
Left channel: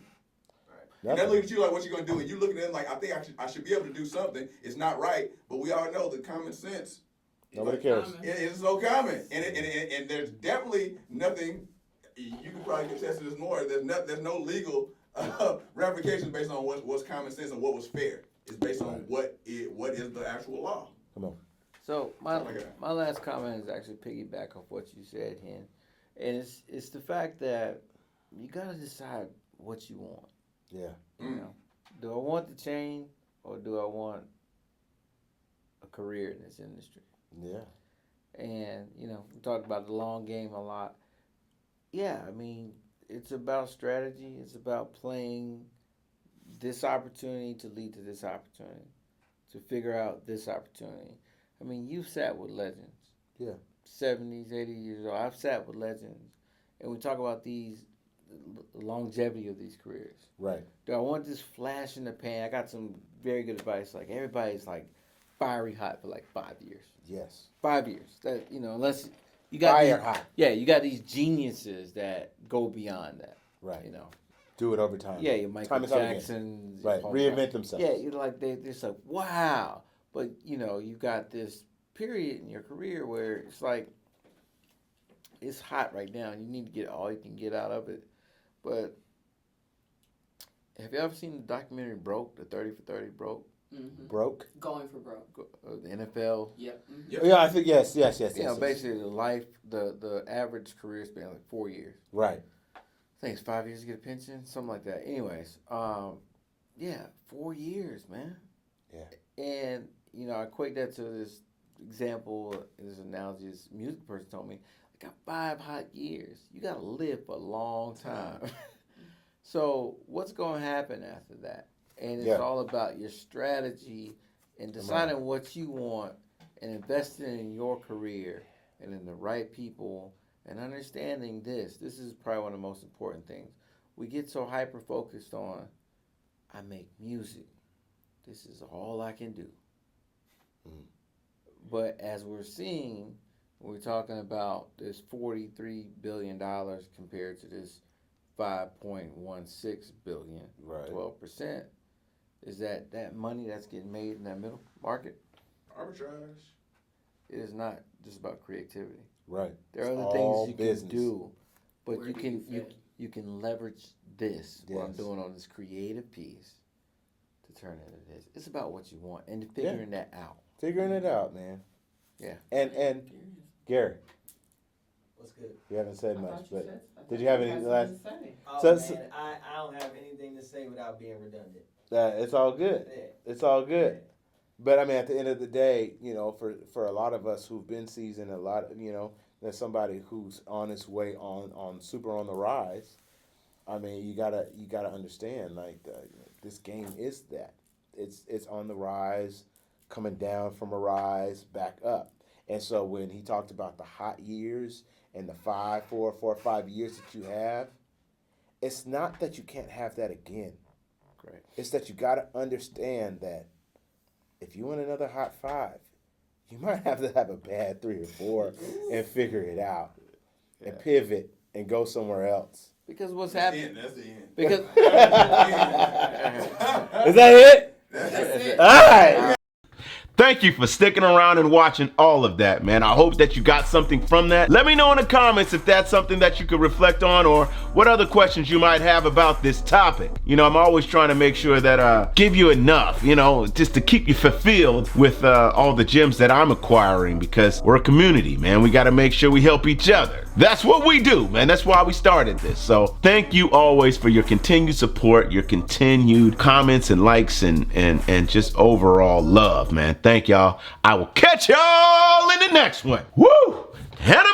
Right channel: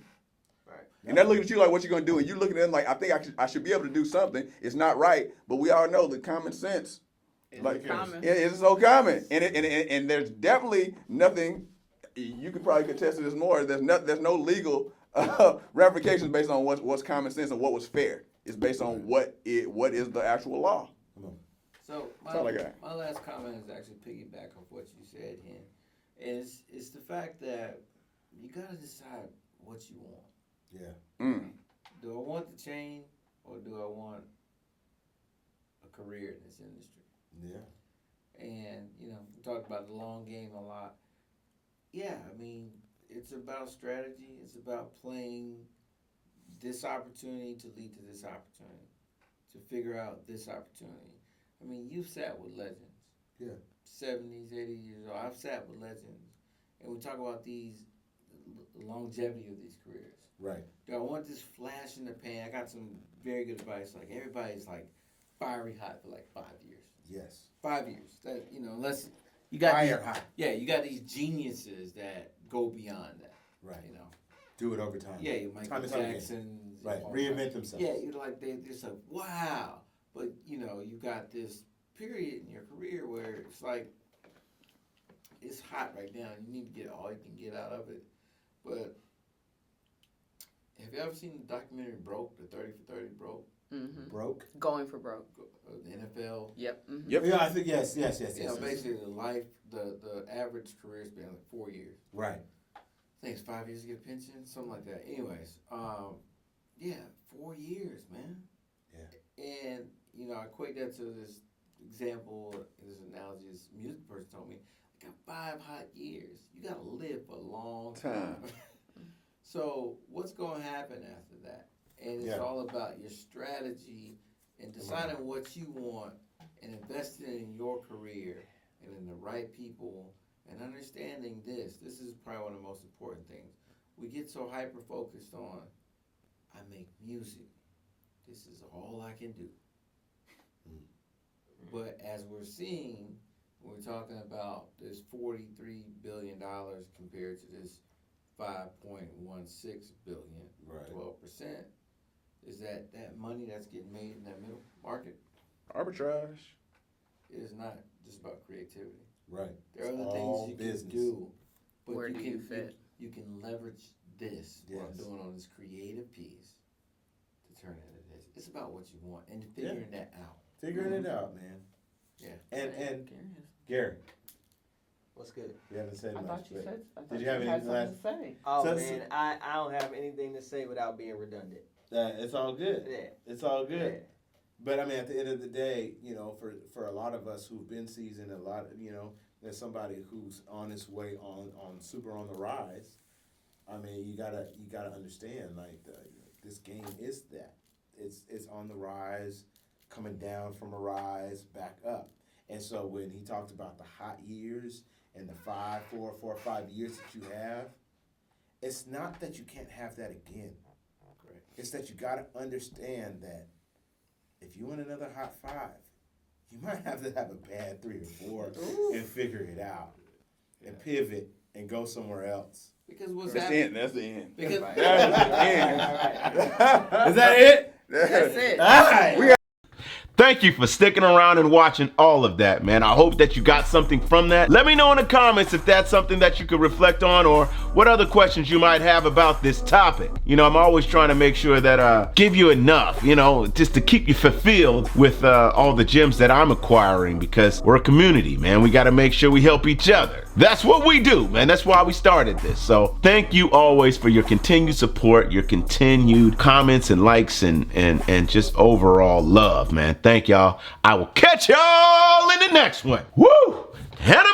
And they're looking at you like, what you gonna do? And you looking at them like, I think I should be able to do something. It's not right, but we all know that common sense. Nobody cares. It's so common, and there's definitely nothing. You could probably contest this more. There's no legal ramifications based on what's common sense and what was fair. It's based on what is the actual law. Come on. So That's all I got. my last comment is actually piggyback off what you said, Hen, and it's the fact that you gotta decide what you want. Yeah. Do I want the chain or do I want a career in this industry? Yeah. And we talked about the long game a lot. Yeah, I mean, it's about strategy. It's about playing this opportunity to lead to this opportunity, to figure out this opportunity. I mean, you've sat with legends. Yeah. 70s, 80s years old. I've sat with legends. And we talk about the longevity of these careers. Right. Do I want this flash in the pan? I got some very good advice. Like, everybody's like fiery hot for like 5 years. Yes. 5 years. That, unless you got Fire hot. Yeah, you got these geniuses that go beyond that. Right. You know. Do it over time. Yeah, your Michael Time and time again. Jackson. Right. Reinvent themselves. Yeah, you're like they're like, wow. But you got this period in your career where it's like it's hot right now. You need to get all you can get out of it. But have you ever seen the documentary Broke, the 30 for 30 Broke? Mm-hmm. Broke. Going for broke. The NFL. Yep. Mm-hmm. Yep. Yeah, I think yes. Basically the average career span like 4 years. Right. I think it's 5 years to get a pension, something like that. Anyways, 4 years, man. Yeah. And I equate that to this example, this analogy. This music person told me, I got 5 hot years. You got to live for a long time. So what's going to happen after that? And it's all about your strategy and deciding what you want and investing in your career and in the right people and understanding this. This is probably one of the most important things. We get so hyper-focused on, I make music. This is all I can do. Mm-hmm. But as we're seeing, we're talking about this $43 billion compared to this $5.16 billion, right. 12%. Is that money that's getting made in that middle market? Arbitrage. It is not just about creativity. Right. There are It's other all things you business. can do, but Where you do can you fit? you can leverage this what I'm Yes. doing on this creative piece to turn it into this. It's about what you want and figuring that out. Figuring it out, man. Yeah. And Gary, What's good? you haven't said I much, thought you but said. did you have any last? something to say? Oh So- man, I don't have anything to say without being redundant. It's all good. Yeah. It's all good. But I mean, at the end of the day, for a lot of us who've been seasoned, there's somebody who's on his way on super on the rise. I mean, you gotta understand, like this game is that. It's on the rise, coming down from a rise, back up. And so when he talked about the hot years and the 4 or 5 years that you have, it's not that you can't have that again. Correct. It's that you got to understand that if you want another hot 5, you might have to have a bad 3 or 4 and figure it out and pivot and go somewhere else. Because what's That's the happening? end. That's the end. Because Is that it? That's it. All right. Thank you for sticking around and watching all of that, man. I hope that you got something from that. Let me know in the comments if that's something that you could reflect on or what other questions you might have about this topic. You know, I'm always trying to make sure that give you enough, you know, just to keep you fulfilled with all the gems that I'm acquiring, because we're a community, man. We got to make sure we help each other. That's what we do, man. That's why we started this. So thank you always for your continued support, your continued comments and likes and just overall love, man. Thank y'all. I will catch y'all in the next one. Woo! And